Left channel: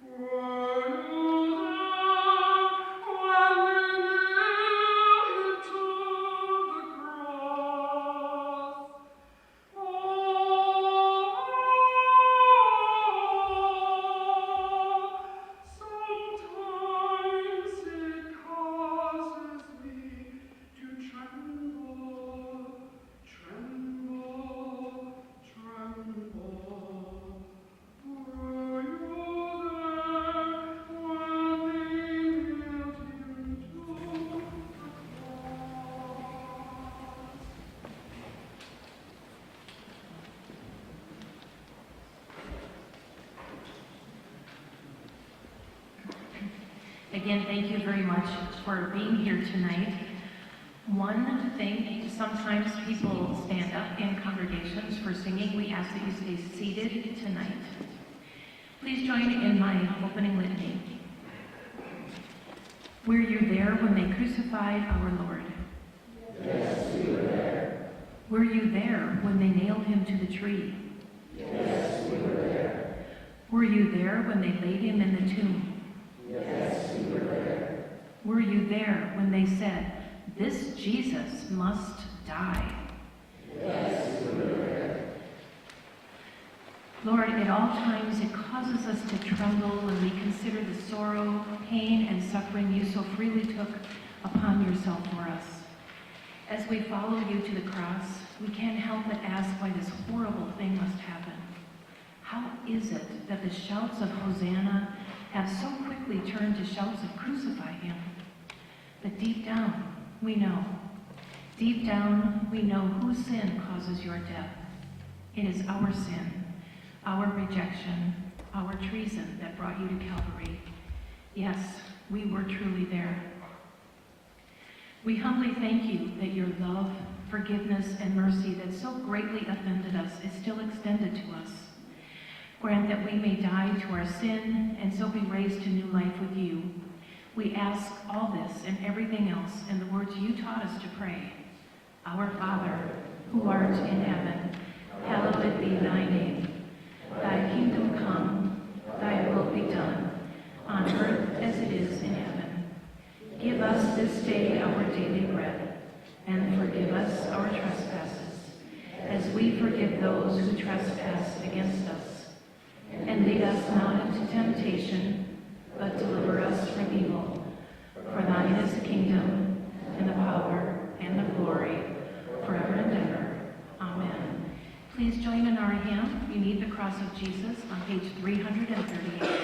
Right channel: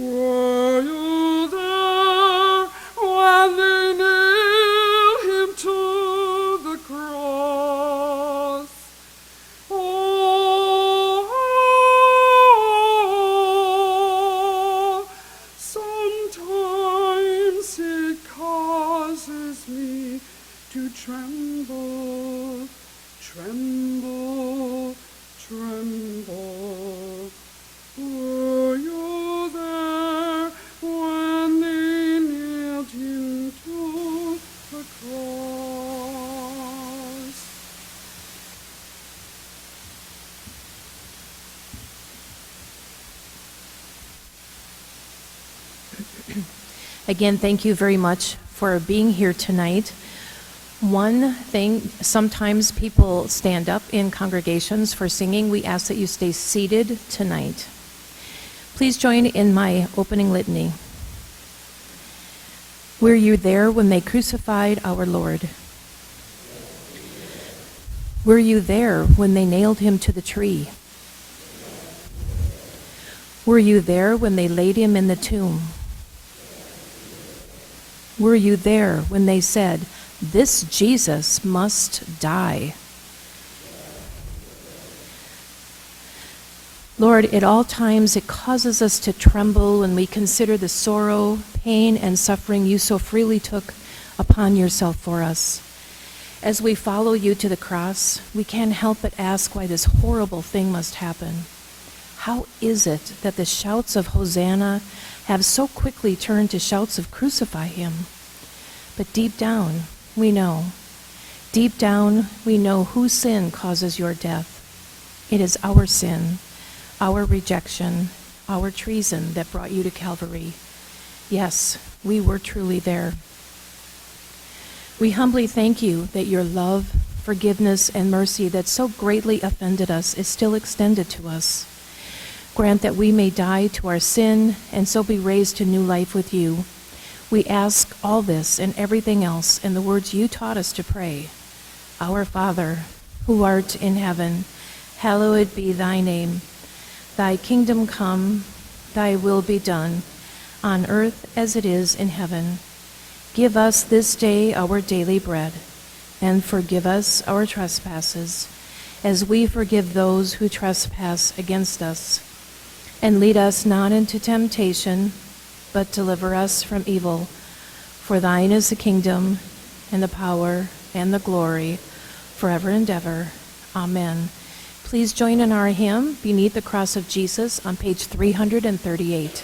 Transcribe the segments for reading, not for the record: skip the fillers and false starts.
Were you there when they nailed him to the cross? Oh, sometimes it causes me to tremble, tremble, tremble. Were you there when they nailed him to the cross? Again, thank you very much for being here tonight. One thing, sometimes people stand up in congregations for singing. We ask that you stay seated tonight. Please join in my opening litany. Were you there when they crucified our Lord? Yes, we were there. Were you there when they nailed him to the tree? Yes, we were there. Were you there when they laid him in the tomb? Yes, we were there. Were you there when they said, "This Jesus must die"? Yes, we were there. Lord, at all times it causes us to tremble when we consider the sorrow, pain, and suffering you so freely took upon yourself for us. As we follow you to the cross, we can't help but ask why this horrible thing must happen. How is it that the shouts of Hosanna have so quickly turned to shouts of crucify him? But deep down, we know. Deep down, we know whose sin causes your death. It is our sin, our rejection, our treason that brought you to Calvary. Yes, we were truly there. We humbly thank you that your love, forgiveness, and mercy that so greatly offended us is still extended to us. Grant that we may die to our sin and so be raised to new life with you. We ask all this and everything else in the words you taught us to pray. Our Father, who art in heaven, hallowed be thy name. Thy kingdom come, thy will be done, on earth as it is in heaven. Give us this day our daily bread, and forgive us our trespasses, as we forgive those who trespass against us. And lead us not into temptation, but deliver us from evil. For thine is the kingdom, and the power, and the glory, forever and ever. Amen. Please join in our hymn, Beneath the Cross of Jesus, on page 338.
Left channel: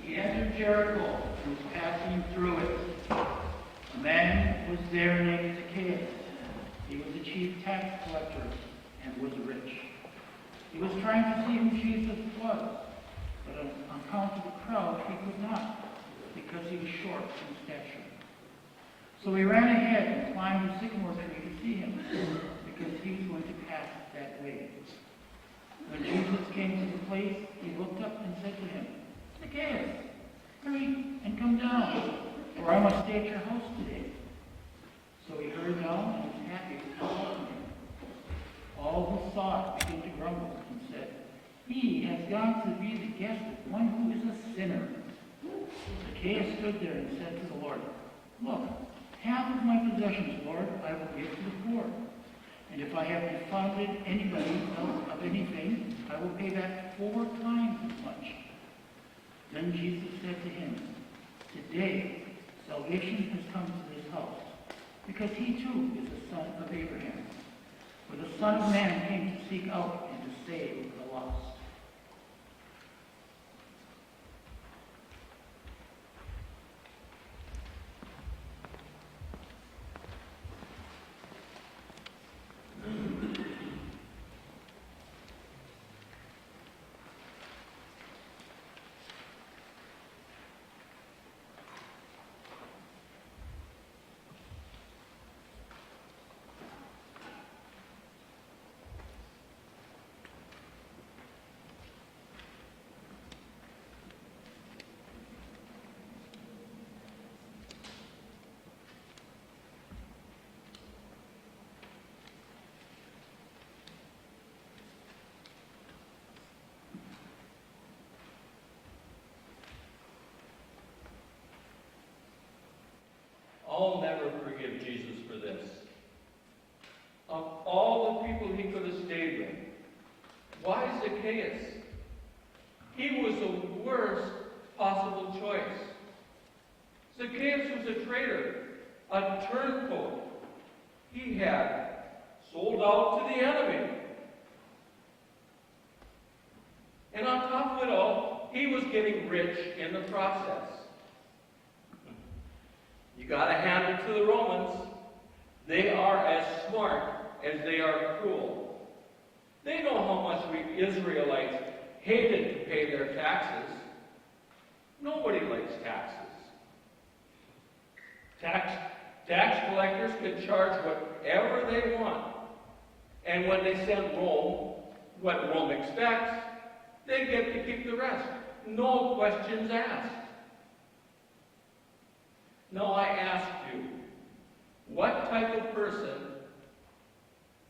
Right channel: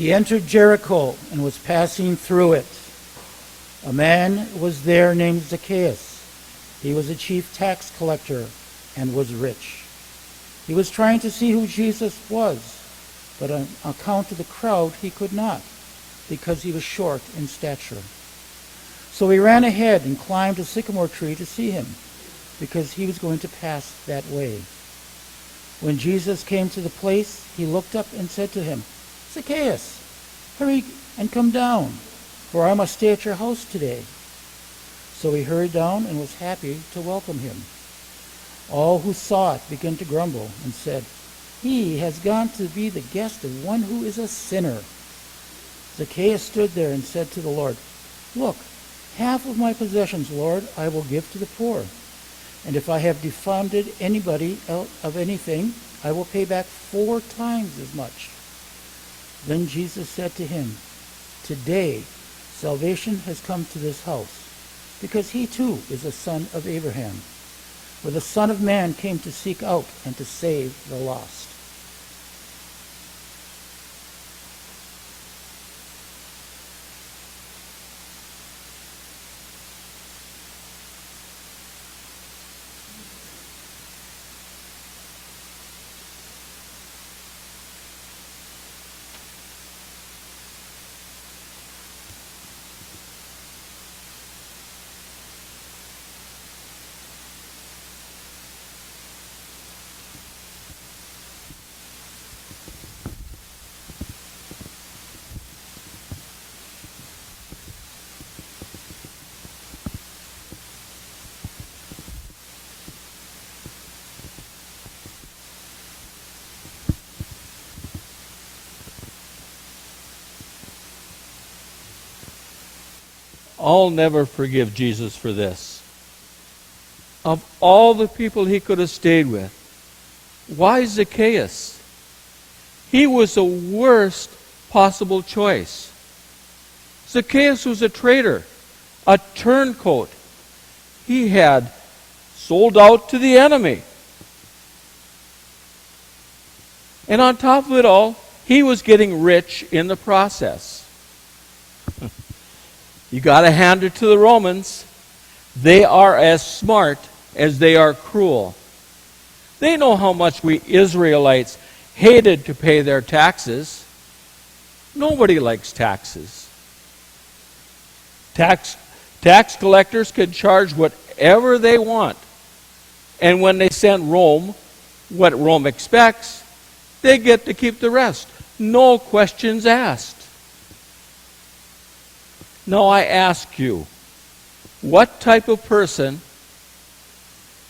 He entered Jericho and was passing through it. A man was there named Zacchaeus. He was a chief tax collector and was rich. He was trying to see who Jesus was, but on account of the crowd, he could not, because he was short in stature. So he ran ahead and climbed a sycamore tree to see him, because he was going to pass that way. When Jesus came to the place, he looked up and said to him, "Zacchaeus, hurry and come down, for I must stay at your house today." So he hurried down and was happy to welcome him. All who saw it began to grumble and said, "He has gone to be the guest of one who is a sinner." Zacchaeus stood there and said to the Lord, "Look, half of my possessions, Lord, I will give to the poor. And if I have defrauded anybody of anything, I will pay back 4 times as much." Then Jesus said to him, "Today salvation has come to this house, because he too is a son of Abraham. For the Son of Man came to seek out and to save the lost." I'll never forgive Jesus for this. Of all the people he could have stayed with, why Zacchaeus? He was the worst possible choice. Zacchaeus was a traitor, a turncoat. He had sold out to the enemy. And on top of it all, he was getting rich in the process. You got to hand it to the Romans. They are as smart as they are cruel. They know how much we Israelites hated to pay their taxes. Nobody likes taxes. Tax collectors can charge whatever they want. And when they send Rome what Rome expects, they get to keep the rest. No questions asked. Now I ask you, what type of person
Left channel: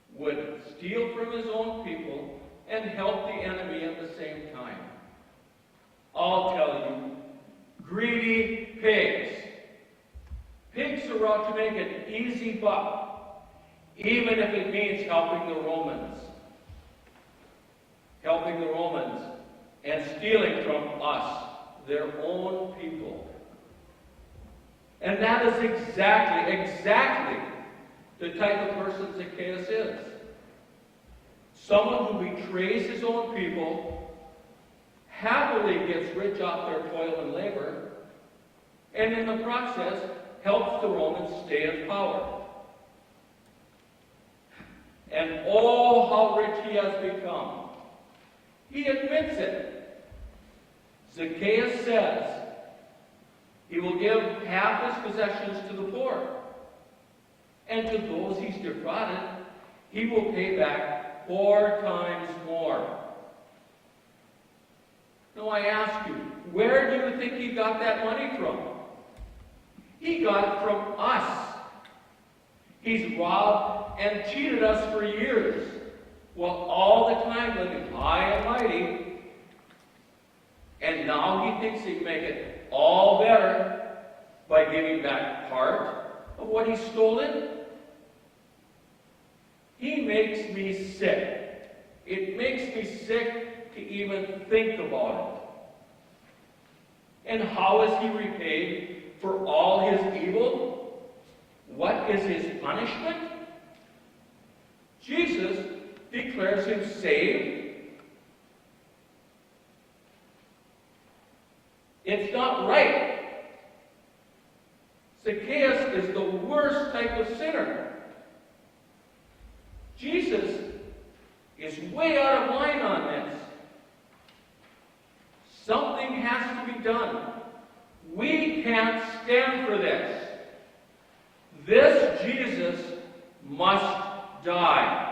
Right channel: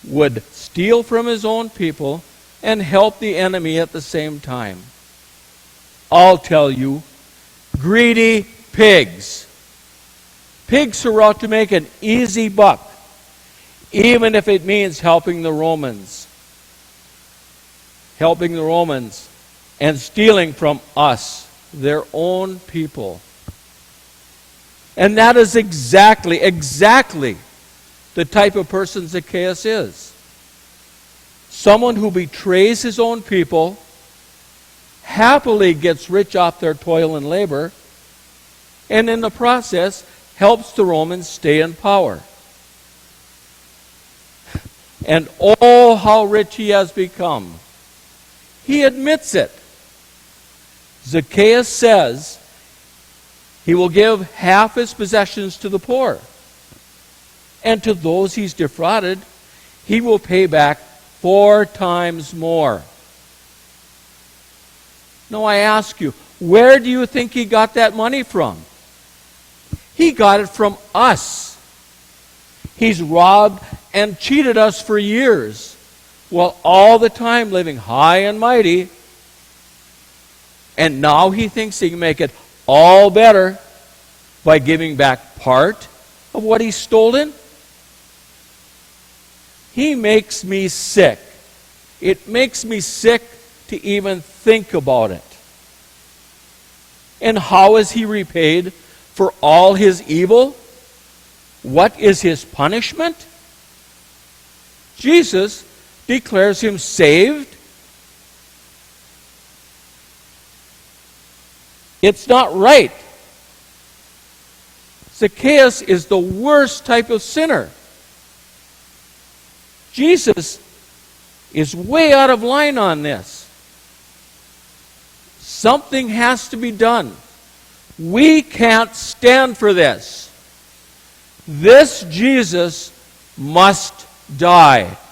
would steal from his own people and help the enemy at the same time? I'll tell you, greedy pigs. Pigs are out to make an easy buck, even if it means helping the Romans. Helping the Romans and stealing from us, their own people. And that is exactly the type of person Zacchaeus is. Someone who betrays his own people, happily gets rich off their toil and labor, and in the process helps the Romans stay in power. And oh, how rich he has become. He admits it. Zacchaeus says he will give half his possessions to the poor. And to those he's defrauded, he will pay back 4 times more. Now I ask you, where do you think he got that money from? He got it from us. He's robbed and cheated us for years, while all the time living high and mighty. And now he thinks he can make it all better by giving back part of what he's stolen? He makes me sick. It makes me sick to even think about it. And how is he repaid for all his evil? What is his punishment? Jesus declares him saved. It's not right. Zacchaeus is the worst type of sinner. Jesus is way out of line on this. Something has to be done. We can't stand for this. This Jesus must die.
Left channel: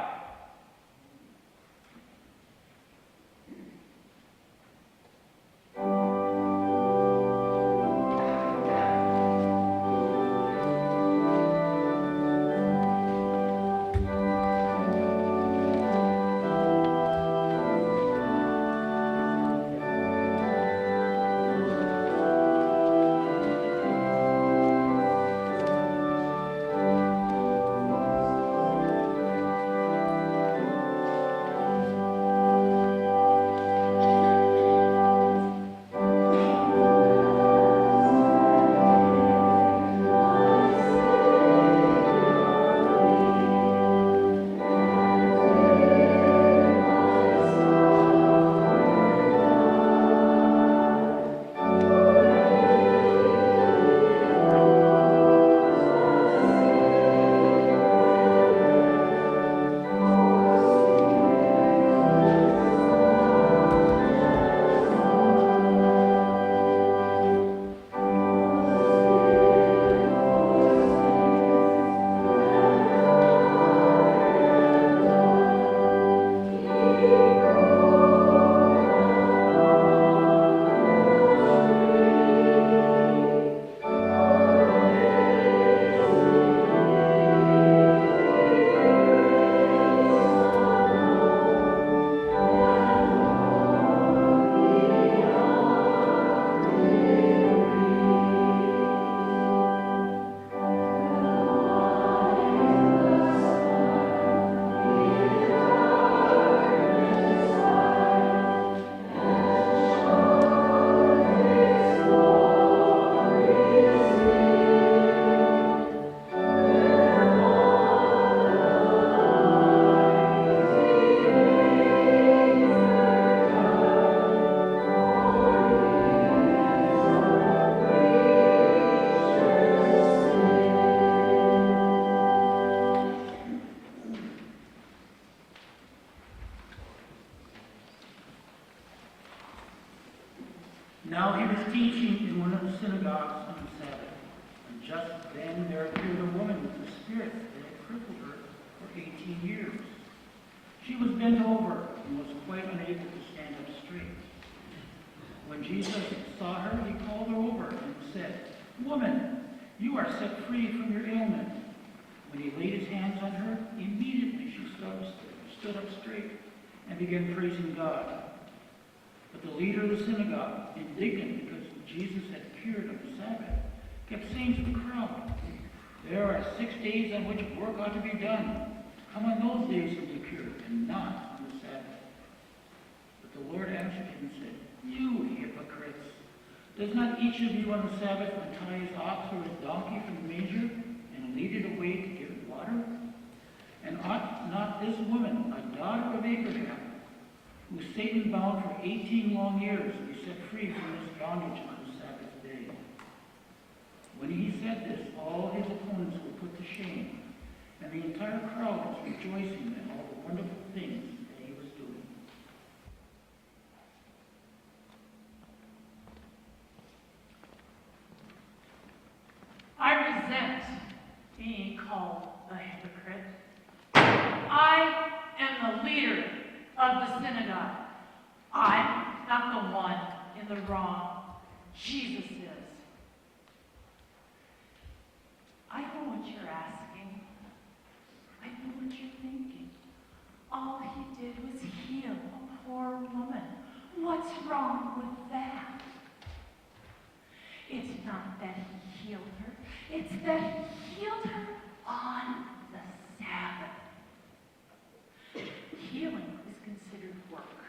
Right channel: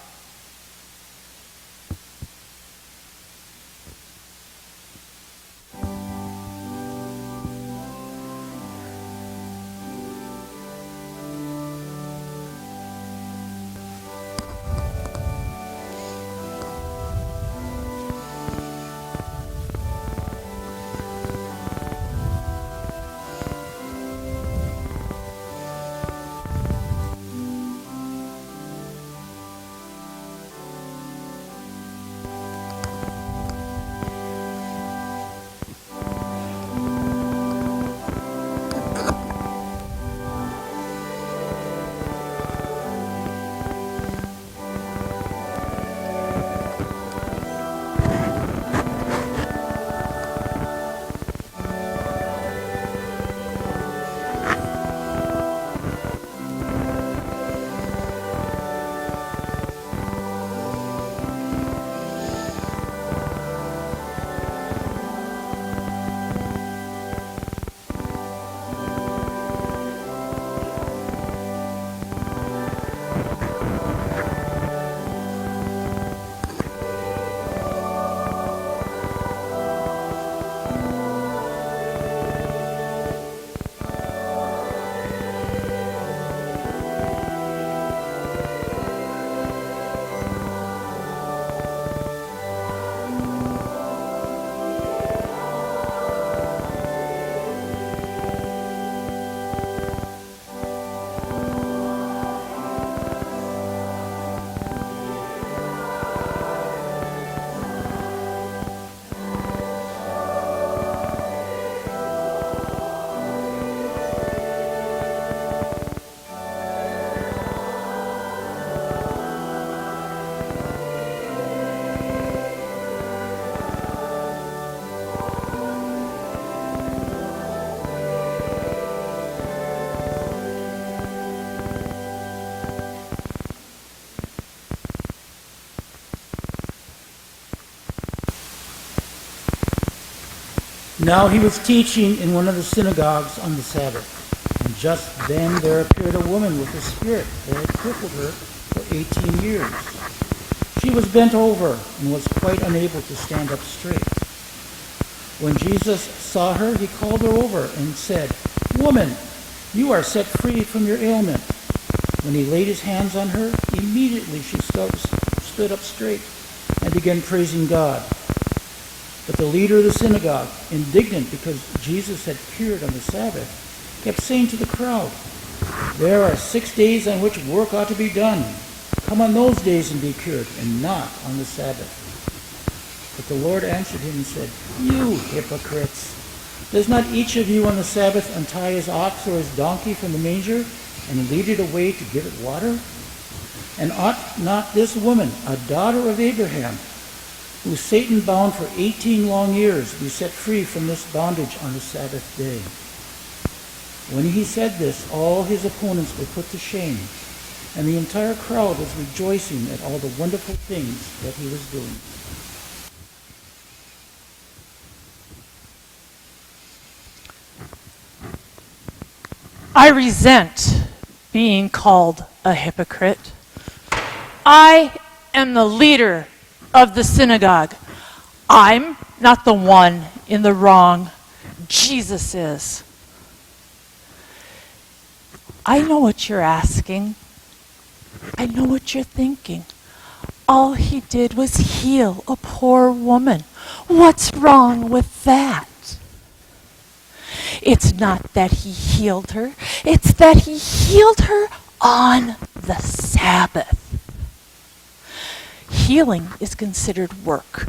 Now he was teaching in one of the synagogues on the Sabbath, and just then there appeared a woman with a spirit that had crippled her for 18 years. She was bent over and was quite unable to stand up straight. When Jesus saw her, he called her over and said, "Woman, you are set free from your ailment." When he laid his hands on her, immediately she stood up straight and began praising God. But the leader of the synagogue, indignant because Jesus had cured on the Sabbath, kept saying to the crowd, "There are 6 days on which work ought to be done. Come on those days and be cured, and not on the Sabbath." But the Lord answered him and said, "You hypocrites! Does not each of you on the Sabbath untie his ox or his donkey from the manger and lead it away to give it water? And ought not this woman, a daughter of Abraham, who Satan bound for 18 long years, be set free from this bondage on the Sabbath day?" When he said this, all his opponents were put to shame, and the entire crowd was rejoicing at all the wonderful things that he was doing. I resent being called a hypocrite. I am the leader of the synagogue. I'm not the one in the wrong. Jesus is. I know what you're asking. I know what you're thinking. All he did was heal a poor woman. What's wrong with that? It's not that he healed her. It's that he healed her on the Sabbath. Healing is considered work.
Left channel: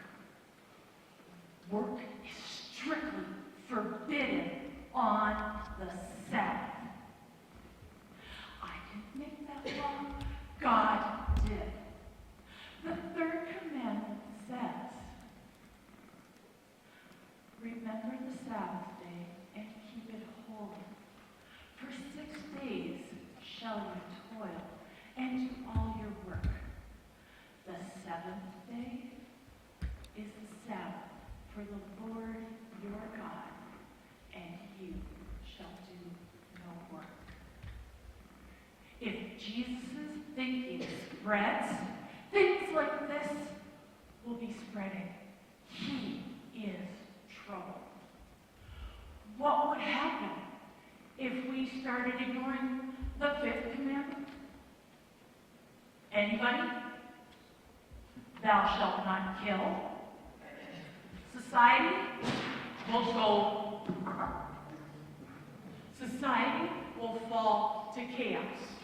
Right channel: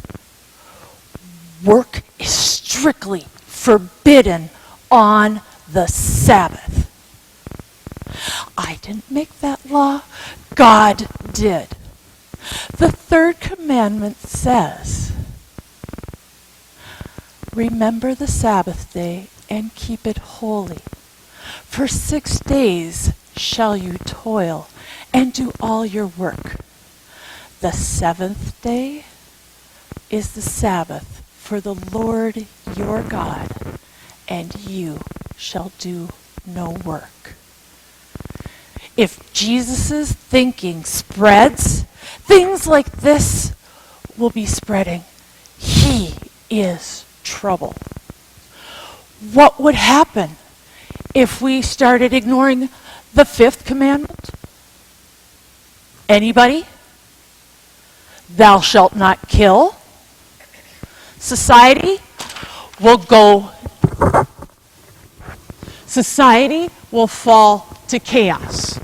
Work is strictly forbidden on the Sabbath. I didn't make that law. God did. The third commandment says, Remember the Sabbath day and keep it holy. For 6 days shall you toil and do all your work. The seventh day is the Sabbath for the Lord your God, and you shall do no work. If Jesus' thinking spreads, things like this will be spreading. He is trouble. What would happen if we started ignoring the fifth commandment? Anybody? Thou shalt not kill. Society will fall to chaos.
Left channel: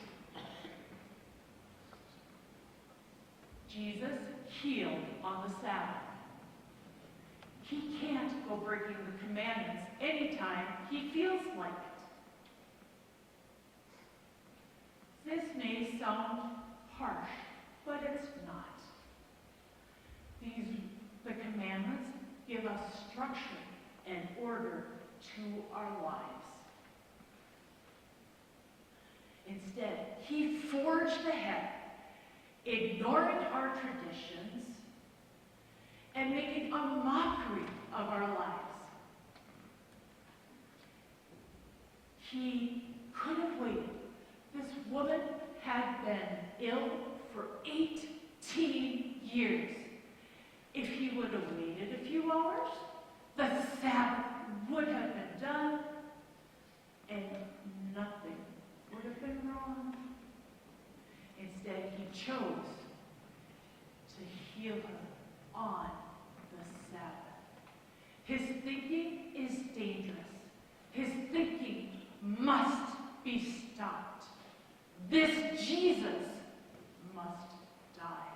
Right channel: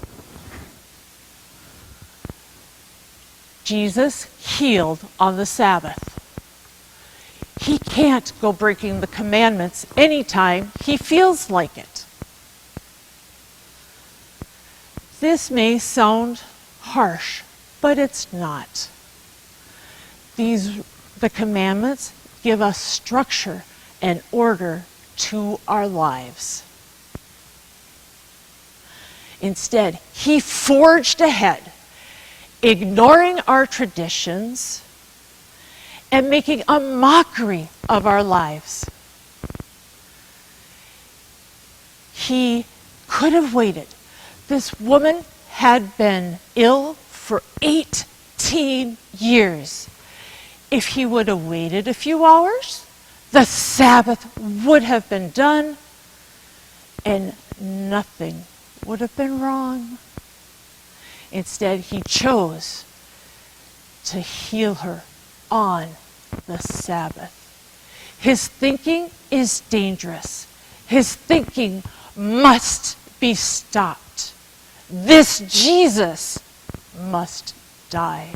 Jesus healed on the Sabbath. He can't go breaking the commandments anytime he feels like it. This may sound harsh, but it's not. The commandments give us structure and order to our lives. Instead, he forged ahead, ignoring our traditions and making a mockery of our lives. He could have waited. This woman had been ill for 18 years. If he would have waited a few hours, the Sabbath would have been done and nothing would have been wrong. Instead, he chose to heal her on the Sabbath. His thinking is dangerous. His thinking must be stopped. This Jesus must die.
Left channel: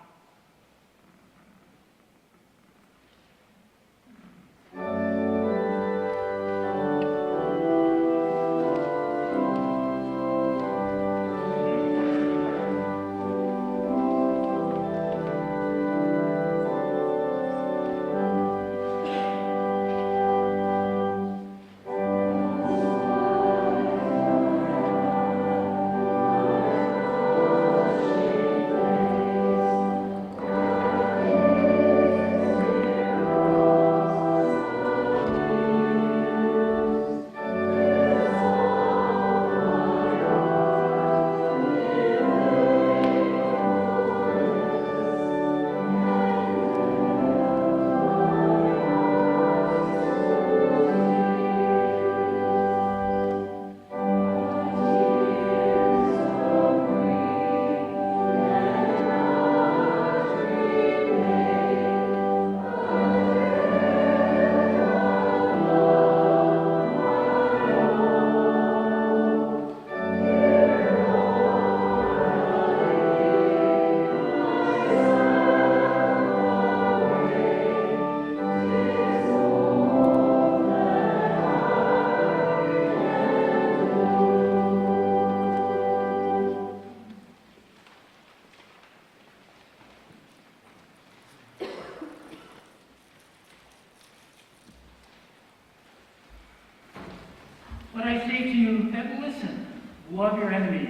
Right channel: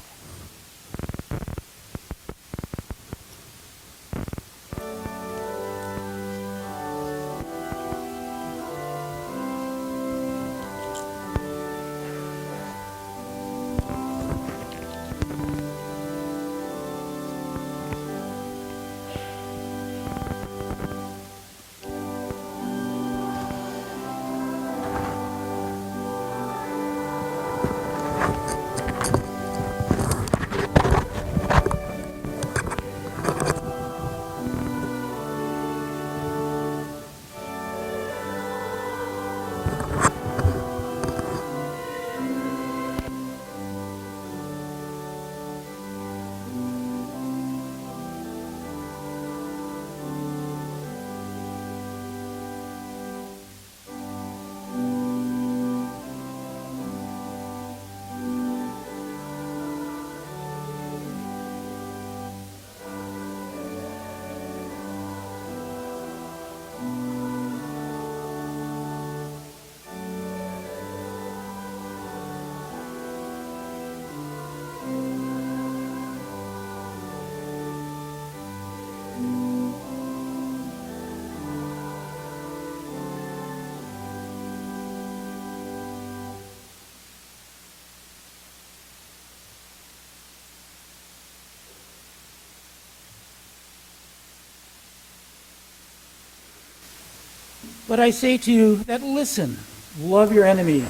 But I say to you that listen, love your enemies,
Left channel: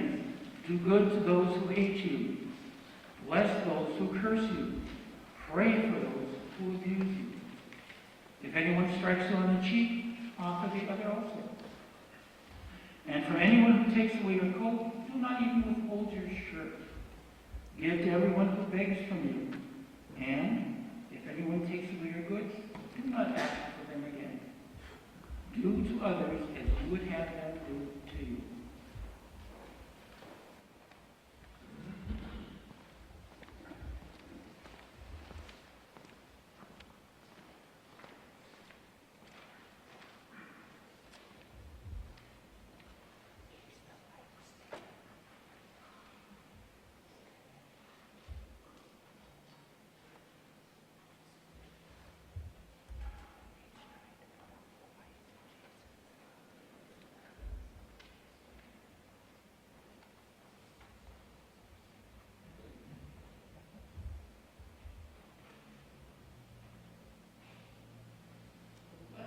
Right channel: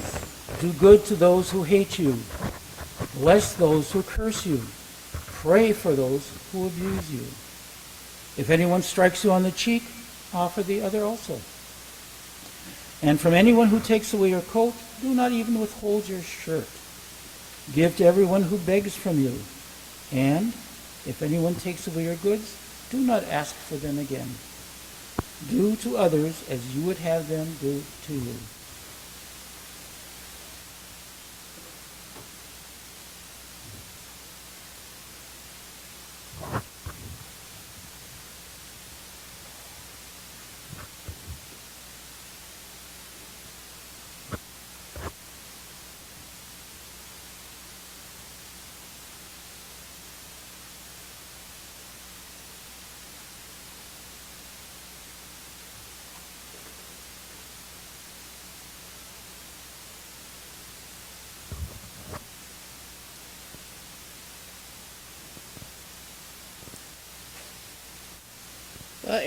do good to those who hate you, bless those who curse you, pray for those who abuse you. If anyone strikes you on the cheek, offer the other also. And from anyone who takes away your coat, do not even withhold your shirt. Give to everyone who begs from you. And if anyone takes away your goods, do not ask for them again. Do to others as you would have them do to you.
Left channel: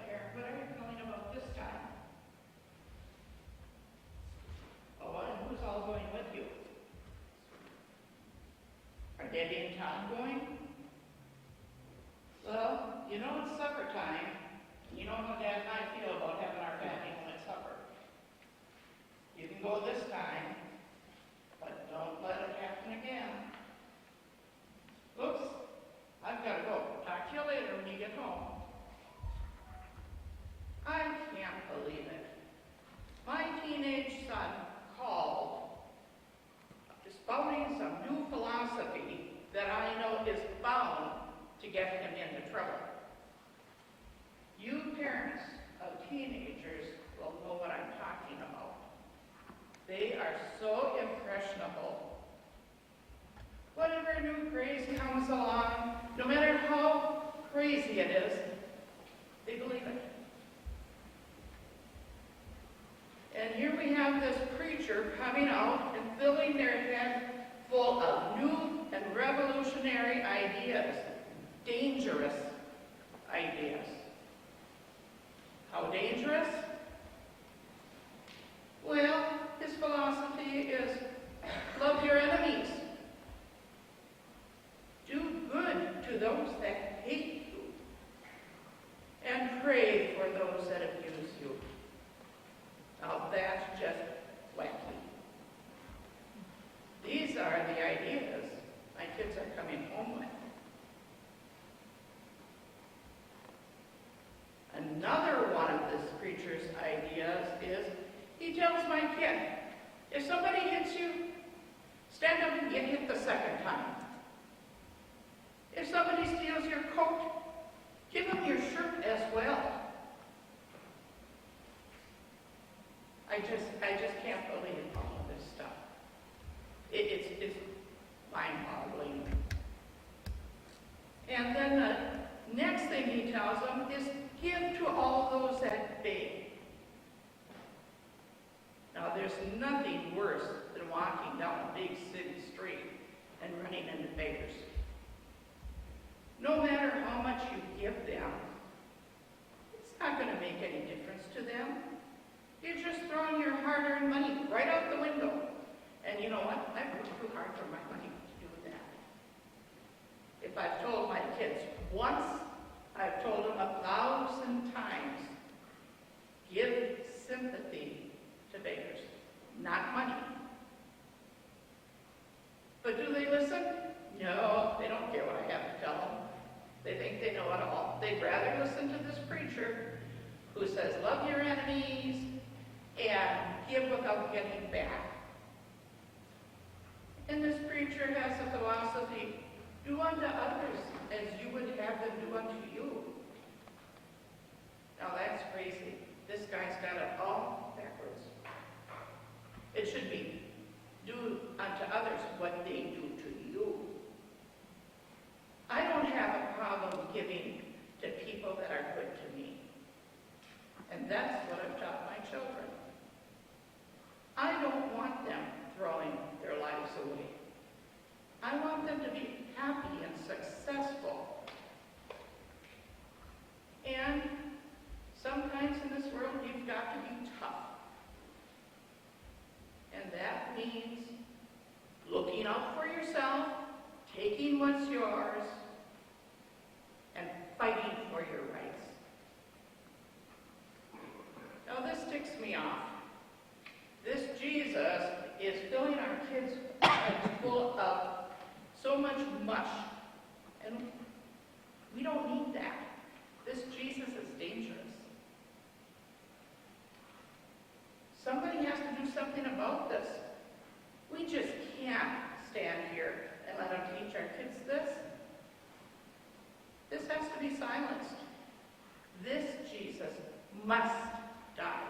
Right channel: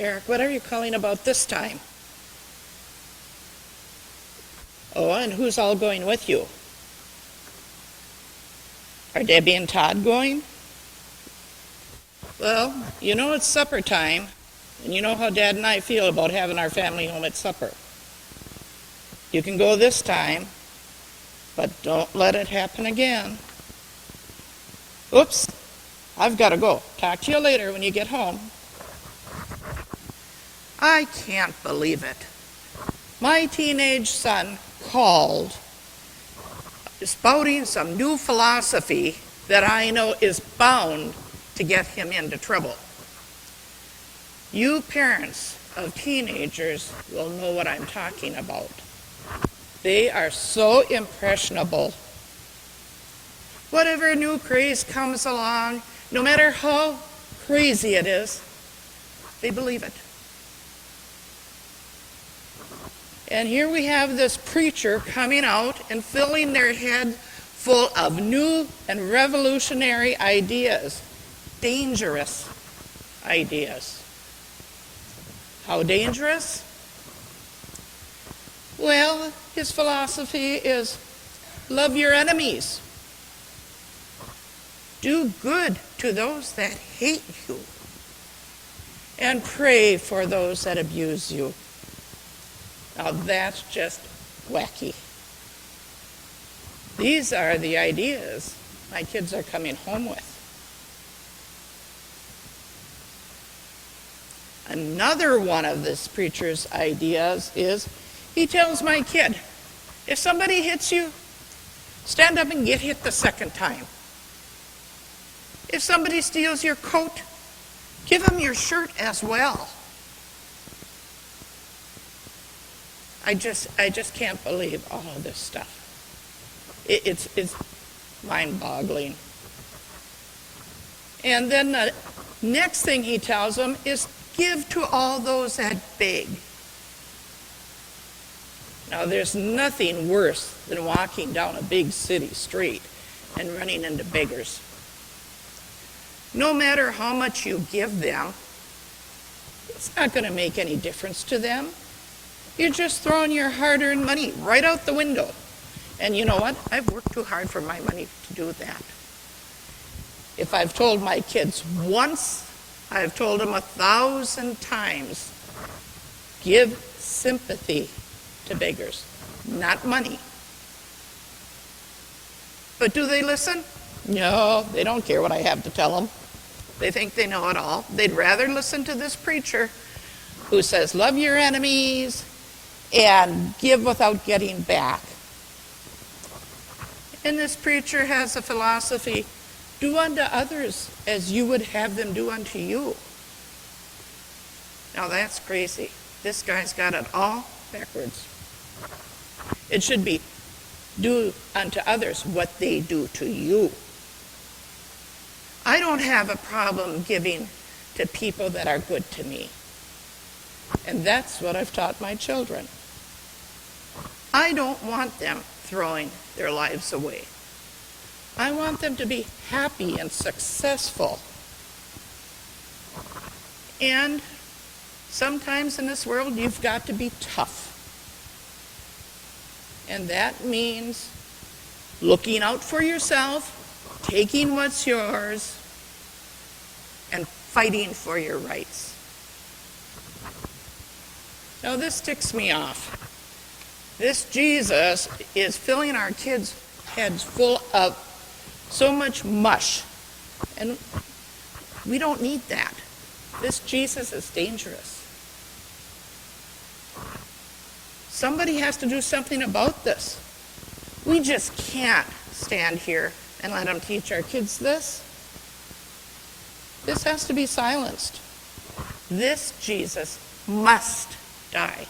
Eric, what are you calling about this time? Oh, and who's all going with you? Are Debbie and Todd going? Well, you know it's supper time, and you know how Dad and I feel about having our family home at supper. You can go this time, but don't let it happen again. Oops, I've got to go. Talk to you later when you get home. I can't believe it. My teenage son called, spouting some new philosophy that I know is bound to get him into trouble. You parents of teenagers will know what I'm talking about. They are so impressionable. Whatever new craze comes along, no matter how crazy it is, they believe it. And here we have this preacher coming out and filling their head full of new and revolutionary ideas, dangerous ideas. How dangerous? Well, his philosophy is love your enemies. Do good to those that hate you. And pray for those that abuse you. Now that's just wacky. These are the ideas my kids are coming home with. Another one of this preacher's ideas is he tells my kid, if somebody hits you, stand up and get hit the second time. If somebody steals your coat, give them your shirt as well. I just can't believe all of this stuff. It's mind-boggling. And then the next thing he tells them is give to all those that beg. Now, there's nothing worse than walking down a big city street and running into beggars. No matter how much you give them, it's not going to make any difference to them. You're just throwing your hard-earned money right out the window. And you know what? I've worked too hard for my money to do that. If I've told my kids once, I've told them 1,000 times, give sympathy to beggars, not money. But do they listen? No, they don't care what I have to tell them. They think they know it all. They'd rather listen to this preacher who says, love your enemies and give without getting back. And this preacher has a philosophy, do unto others as you would have them do unto you. Now that's crazy. This guy's got it all backwards. It should be, do unto others what they do to you. I don't have a problem giving to people that are good to me. And that's what I've taught my children. I don't want them throwing their lives away. I want them to be happy and successful. And sometimes in this world, you've got to be tough. And that means looking out for yourself, taking what's yours, and fighting for your rights. Now this ticks me off. This Jesus is filling our kids' heads full of so much mush, and we don't need that. This Jesus is dangerous. Somebody has to do something about this. We just can't stand here and let them teach our kids this. This has to be silenced. This Jesus must die.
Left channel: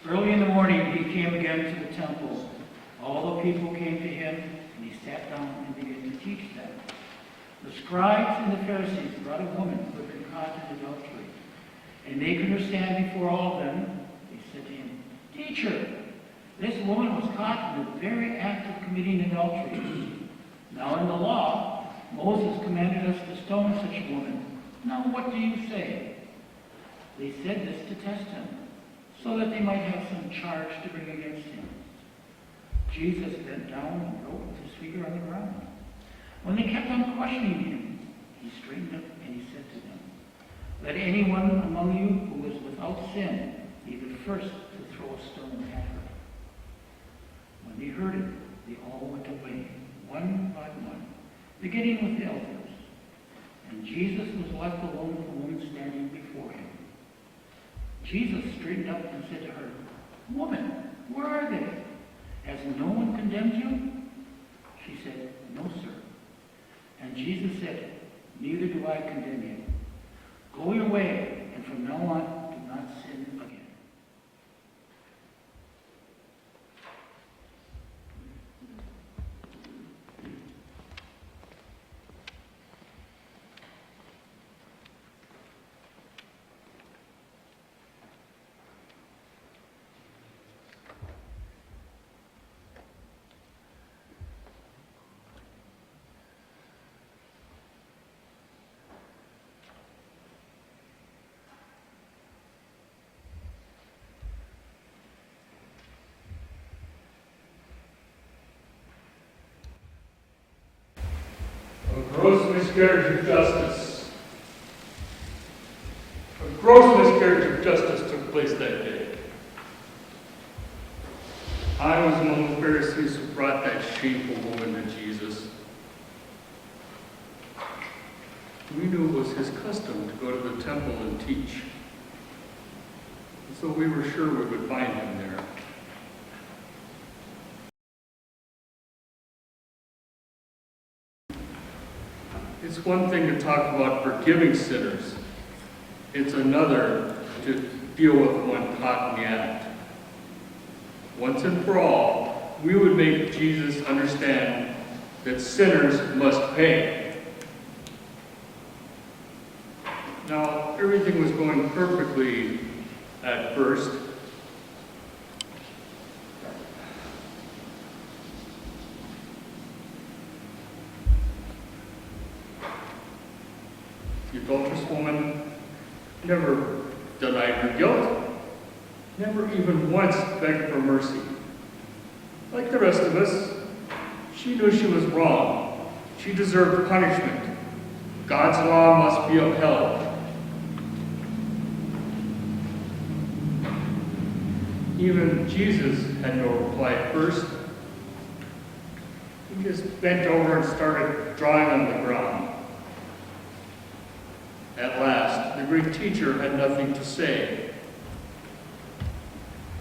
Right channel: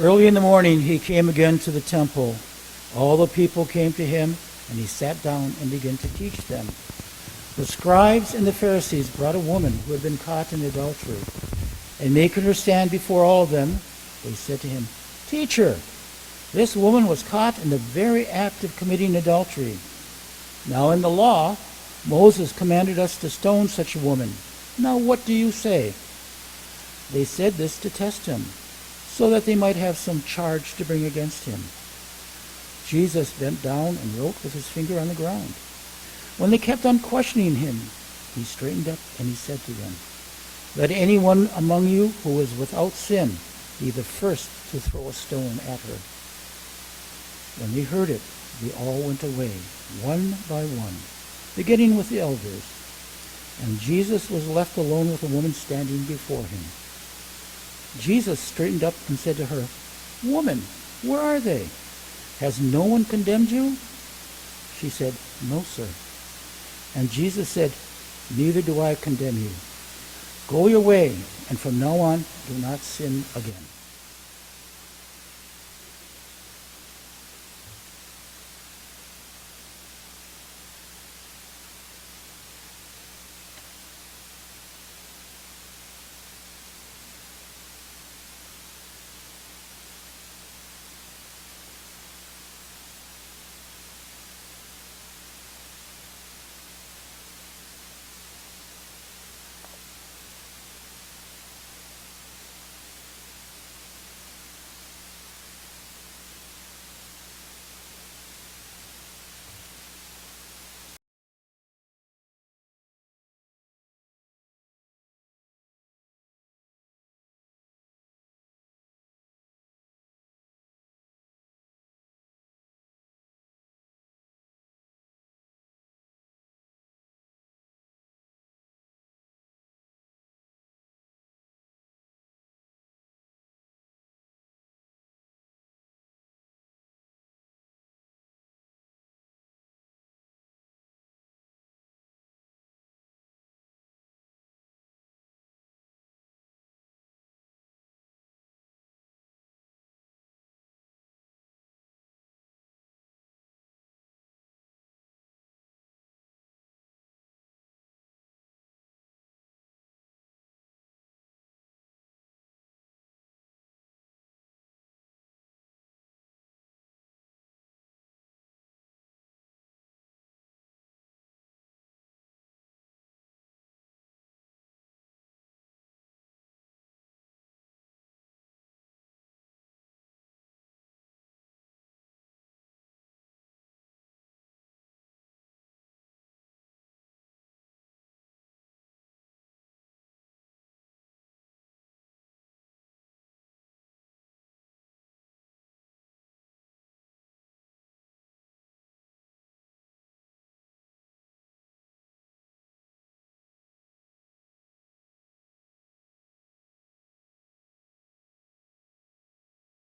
Early in the morning he came again to the temple. All the people came to him, and he sat down and began to teach them. The scribes and the Pharisees brought a woman who had been caught in adultery. And making her stand before all of them, they said to him, "Teacher, this woman was caught in the very act of committing adultery. Now in the law, Moses commanded us to stone such a woman. Now what do you say?" They said this to test him, so that they might have some charge to bring against him. Jesus bent down and wrote with his finger on the ground. When they kept on questioning him, he straightened up and he said to them, "Let anyone among you who is without sin be the first to throw a stone at her." When they heard it, they all went away, one by one, beginning with the elders. And Jesus was left alone with a woman standing before him. Jesus straightened up and said to her, "Woman, where are they? Has no one condemned you?" She said, "No, sir." And Jesus said, "Neither do I condemn you. Go your way, and from now on, do not sin again." A gross miscarriage of justice. A gross miscarriage of justice took place that day. I was among the Pharisees who brought that shameful woman to Jesus. We knew it was his custom to go to the temple and teach. And so we were sure we would find him there. It's one thing to talk about forgiving sinners. It's another to deal with one caught in the act. Once and for all, we would make Jesus understand that sinners must pay. Now, everything was going perfectly at first. The adulterous woman never denied her guilt, never even once begged for mercy. Like the rest of us, she knew she was wrong. She deserved punishment. God's law must be upheld. Even Jesus had no reply at first. He just bent over and started drawing on the ground. At last, the great teacher had nothing to say.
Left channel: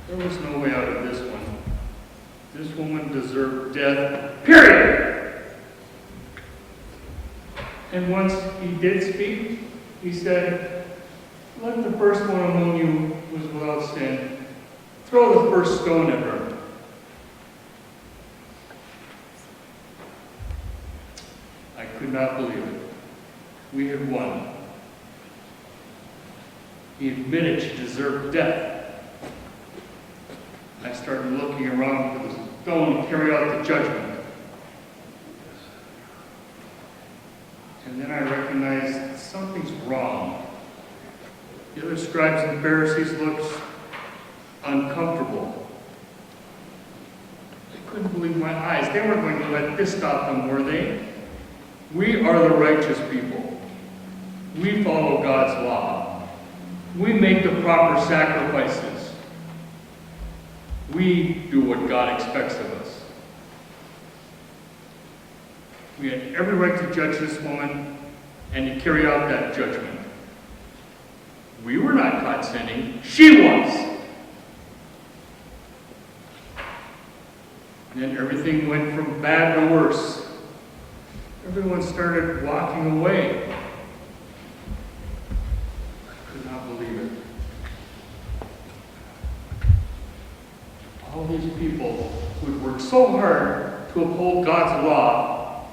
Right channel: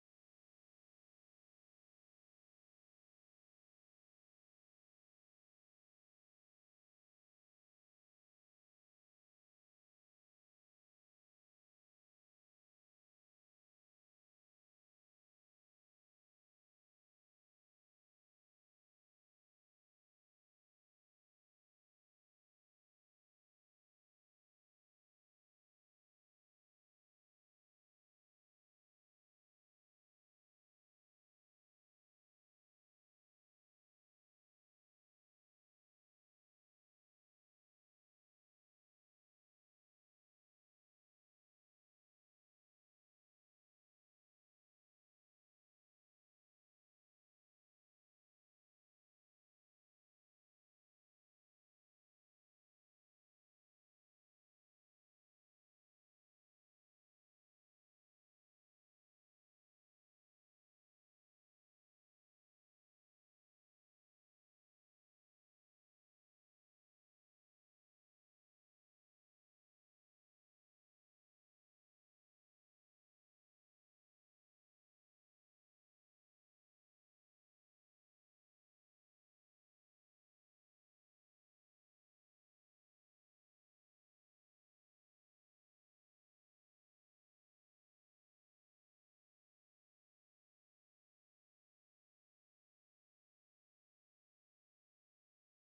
There was no way out of this one. This woman deserved death, period. And once he did speak, he said, "Let the first one among you who is without sin throw the first stone at her." I could not believe it. We had won. He admitted she deserved death. I started looking around for the stone to carry out the judgment. And then I recognized something's wrong. The other scribes and Pharisees looked uncomfortable. I couldn't believe my eyes. They weren't going to let this stop them, were they? We are the righteous people. We follow God's law. We make the proper sacrifices. We do what God expects of us. We had every right to judge this woman and to carry out that judgment. We were not caught sinning. She was. And then everything went from bad to worse. Everyone started walking away. I could not believe it. All these people who had worked so hard to uphold God's law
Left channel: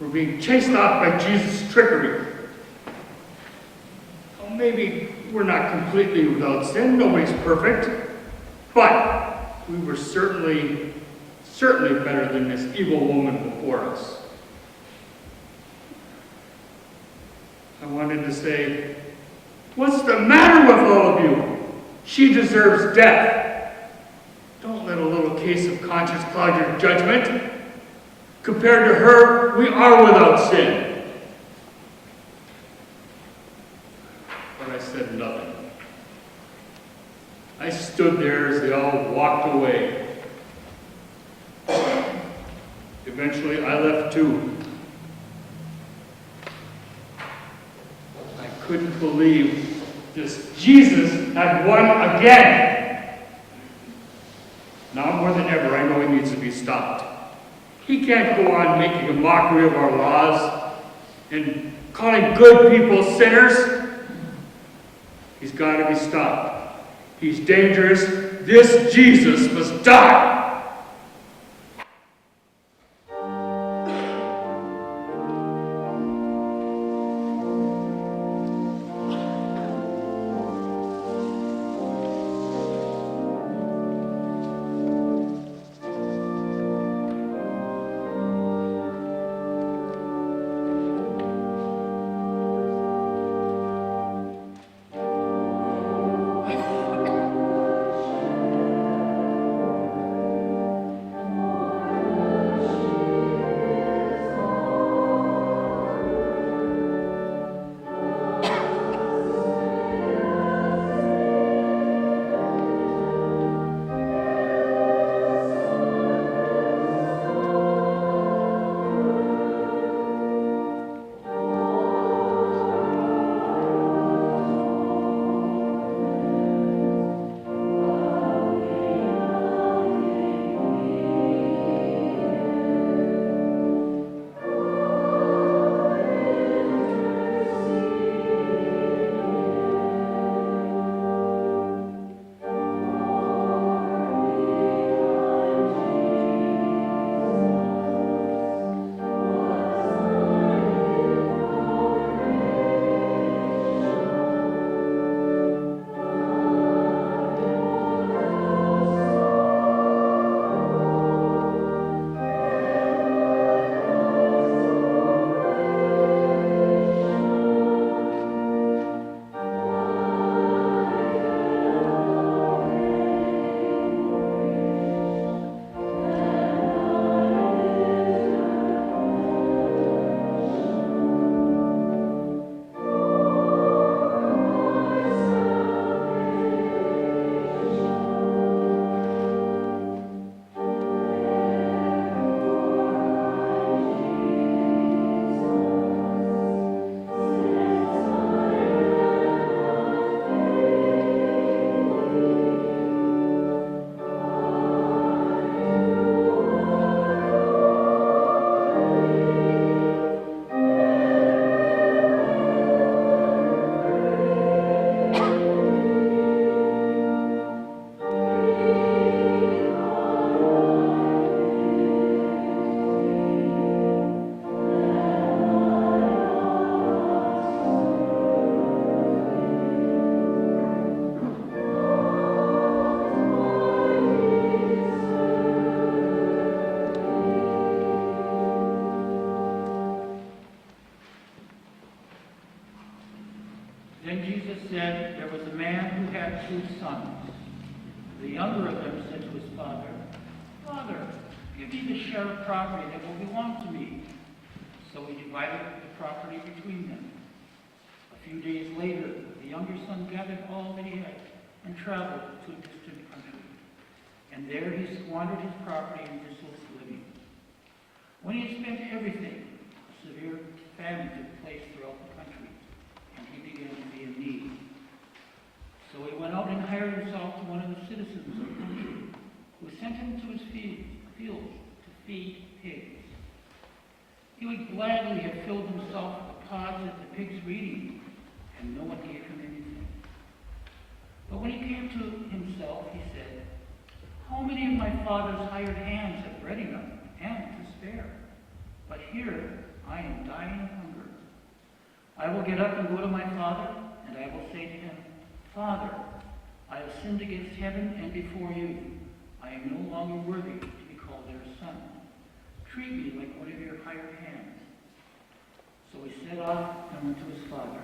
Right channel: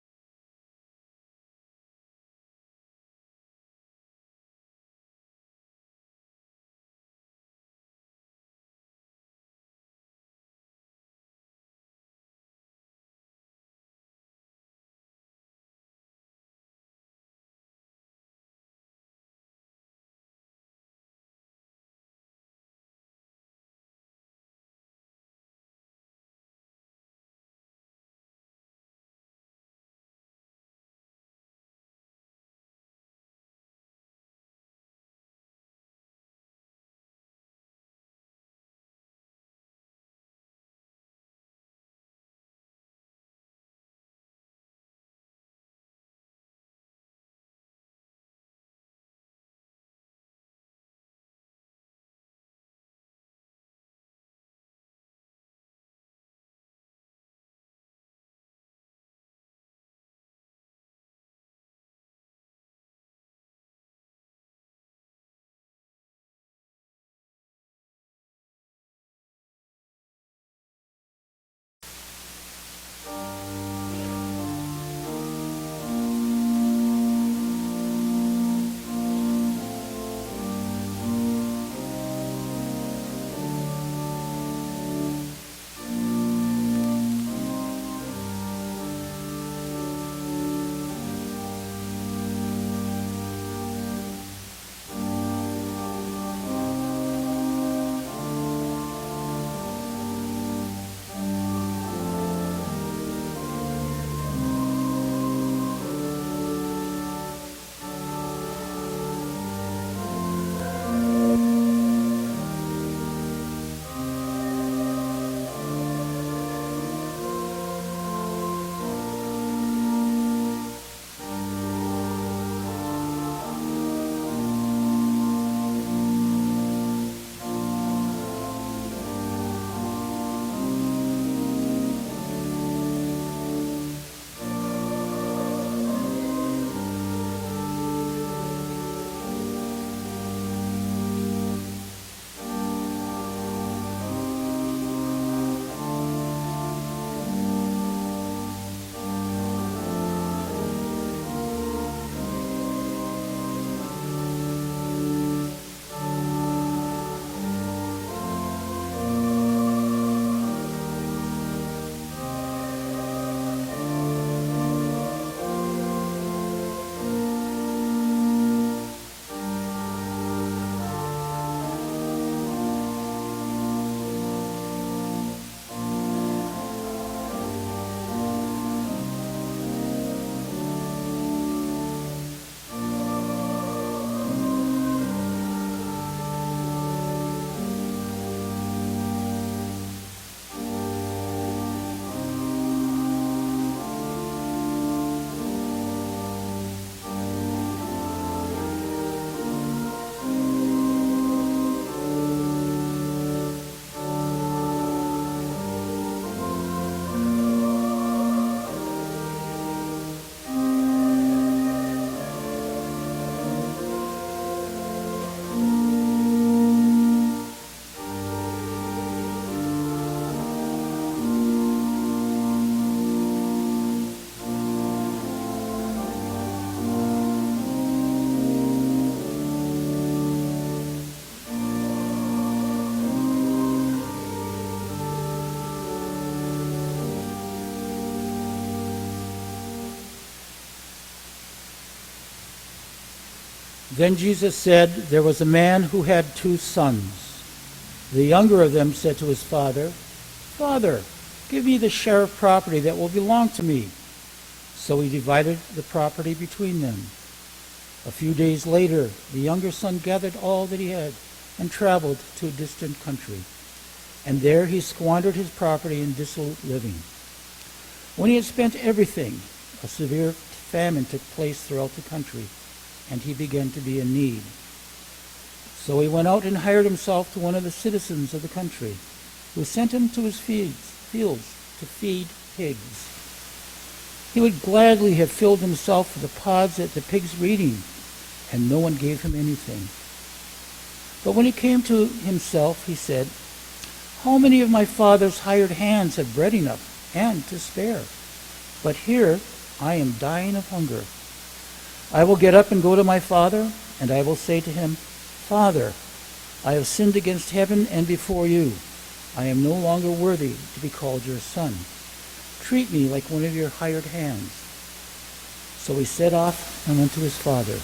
were being chased off by Jesus' trickery. Well, maybe we're not completely without sin, nobody's perfect, but we were certainly better than this evil woman before us. I wanted to say, what's the matter with all of you? She deserves death. Don't let a little case of conscience cloud your judgment. Compared to her, we are without sin. But I said nothing. I stood there as they all walked away. Eventually, I left too. I couldn't believe this Jesus had won again. Now more than ever, I know he needs to be stopped. He can't go on making a mockery of our laws and calling good people sinners. He's got to be stopped. He's dangerous. This Jesus must die. Then Jesus said, there was a man who had 2 sons. The younger of them said to his father, Father, give me the share of property that will belong to me. So he divided the property between them. A few days later, the younger son gathered all that he had and traveled to a distant country. And there he squandered his property in dissolute living. When he had spent everything, a severe famine took place throughout the country, and he began to be in need. So he went out and hired himself to one of the citizens of the country, who sent him to his fields to feed pigs. He would gladly have filled himself with the pods that the pigs were eating, and no one gave him anything. But when he came to himself, he said, How many of my father's hired hands have bread enough and to spare? But here I am dying of hunger. I will get up and go to my father, and I will say to him, Father, I have sinned against heaven and before you. I am no longer worthy to be called your son. Treat me like one of your hired hands. So he set off and went to his father.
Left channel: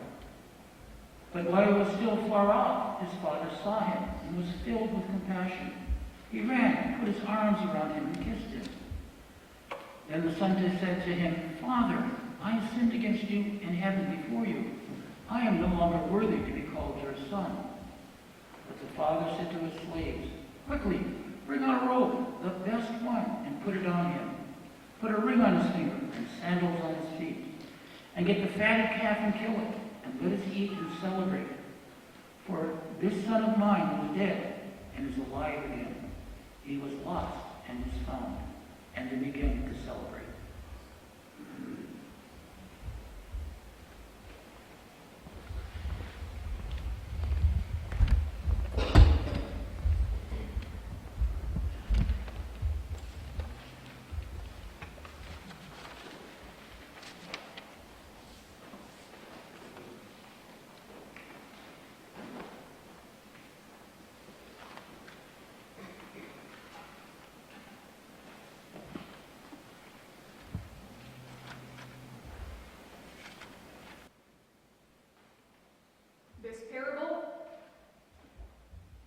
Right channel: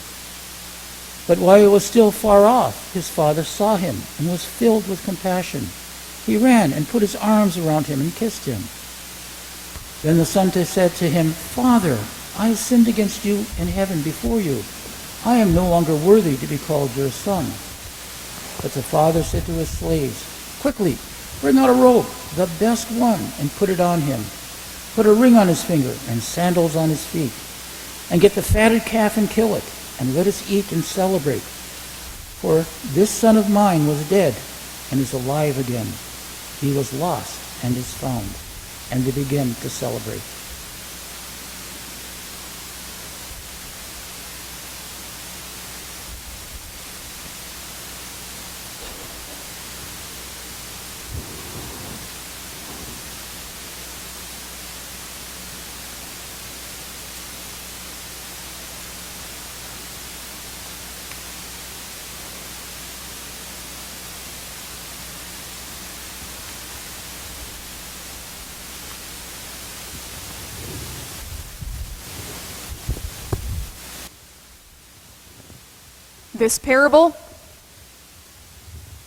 But while he was still far off, his father saw him and was filled with compassion. He ran and put his arms around him and kissed him. Then the son said to him, Father, I sinned against you in heaven before you. I am no longer worthy to be called your son. But the father said to his slaves, Quickly, bring out a robe, the best one, and put it on him. Put a ring on his finger and sandals on his feet. And get the fatted calf and kill it, and let us eat and celebrate. For this son of mine was dead and is alive again. He was lost and is found. And they began to celebrate.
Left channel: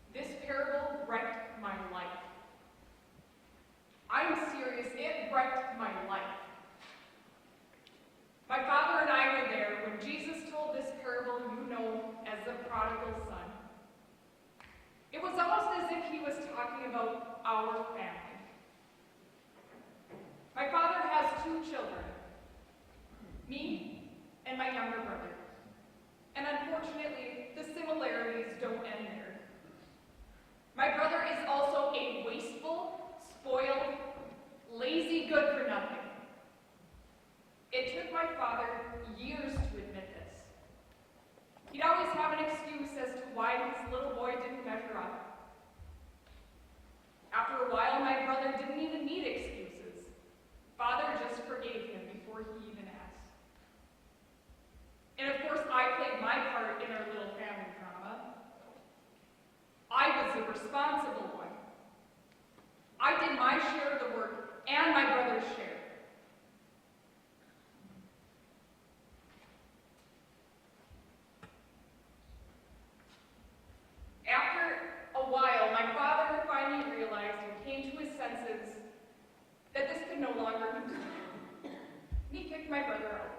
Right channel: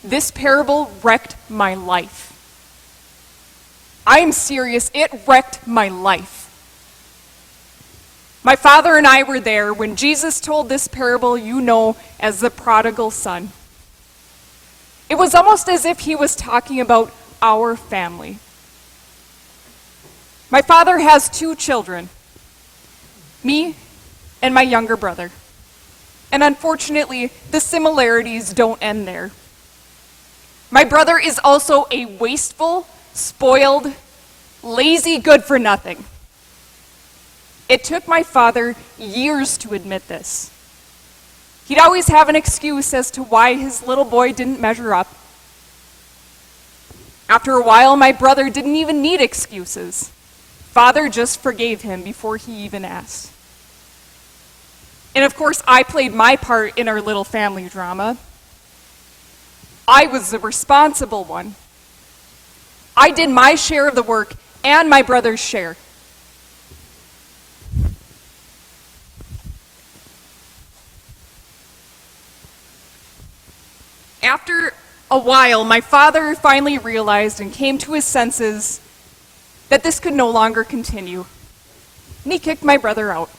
This parable wrecked my life. I am serious, it wrecked my life. My father and I were there when Jesus told this parable you know as the prodigal son. It was almost as if he was talking about our family. My father has 2 children, me and my younger brother. And unfortunately, the similarities don't end there. My brother is also a wasteful, spoiled, lazy good-for-nothing. It took my father years to admit this. He'd always have an excuse as to why his little boy didn't measure up. After a while, my brother didn't even need excuses. Father just forgave him before he even asked. And of course, I played my part in our little family drama. I was the responsible one. I did my share of the work and my brother's share. After a while, my father finally realized and came to his senses that this could no longer continue. And he kicked my brother out.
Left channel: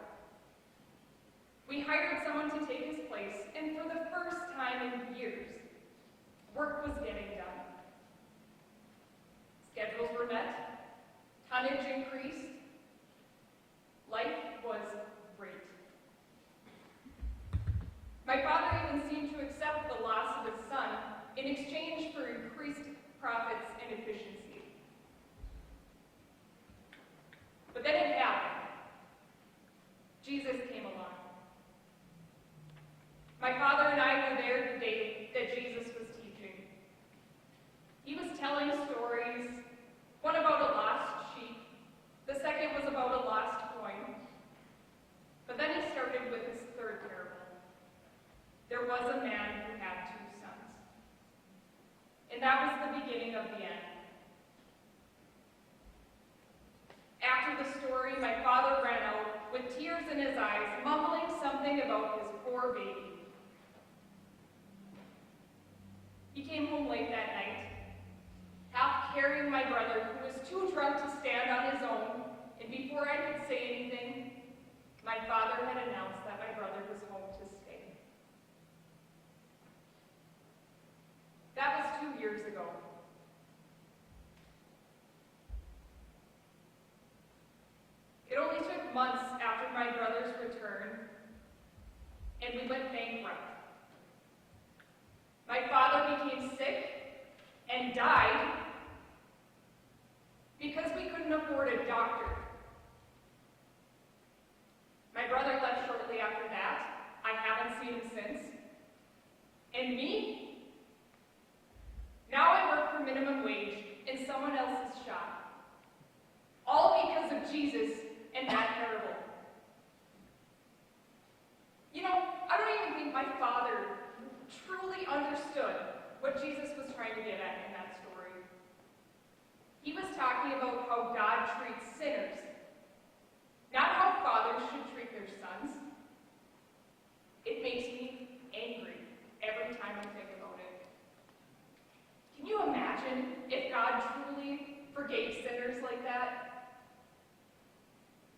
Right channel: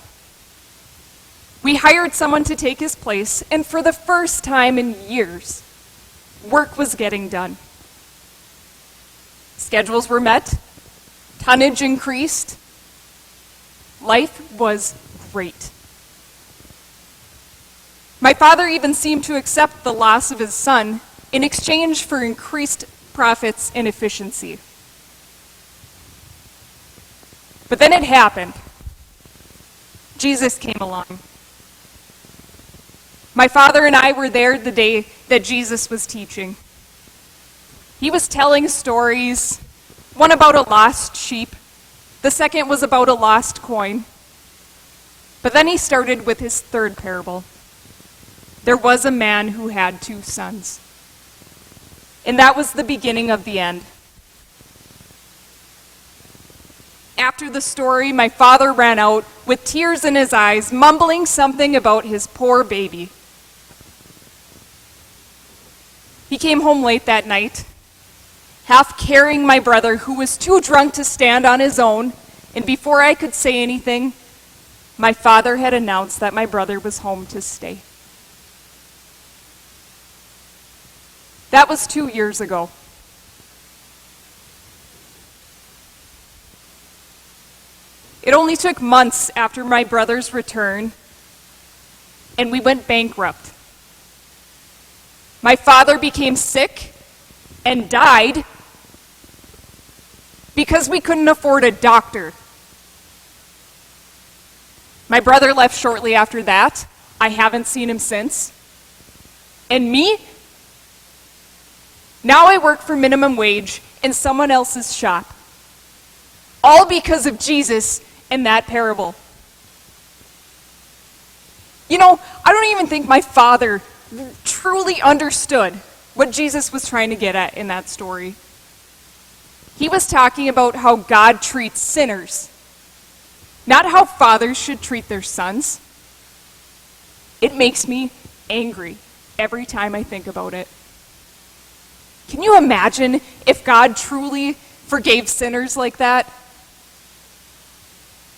We hired someone to take his place, and for the first time in years, work was getting done. Schedules were met, tonnage increased. Life was great. My father even seemed to accept the loss of his son in exchange for increased profits and efficiency. But then it happened. Jesus came along. My father and I were there the day that Jesus was teaching. He was telling stories, one about a lost sheep, the second was about a lost coin. But then he started with his third parable. There was a man who had 2 sons. And that was the beginning of the end. After the story, my father ran out with tears in his eyes, mumbling something about his poor baby. He came home late that night, half carrying my brother, who was too drunk to stand on his own, and before I could say anything, my father had announced that my brother was home to stay. That was 2 years ago. It only took months after my brother's return, and we went bankrupt. My father became sick and died because we couldn't afford a doctor. My brother left shortly after that. I haven't seen him since. And me? Now I work for minimum wage in someone else's shop. All because of Jesus and that parable. You know, I don't even think my father truly understood what Jesus was trying to get at in that story. He was talking about how God treats sinners, not how fathers should treat their sons. It makes me angry every time I think about it. Can you imagine if God truly forgave sinners like that?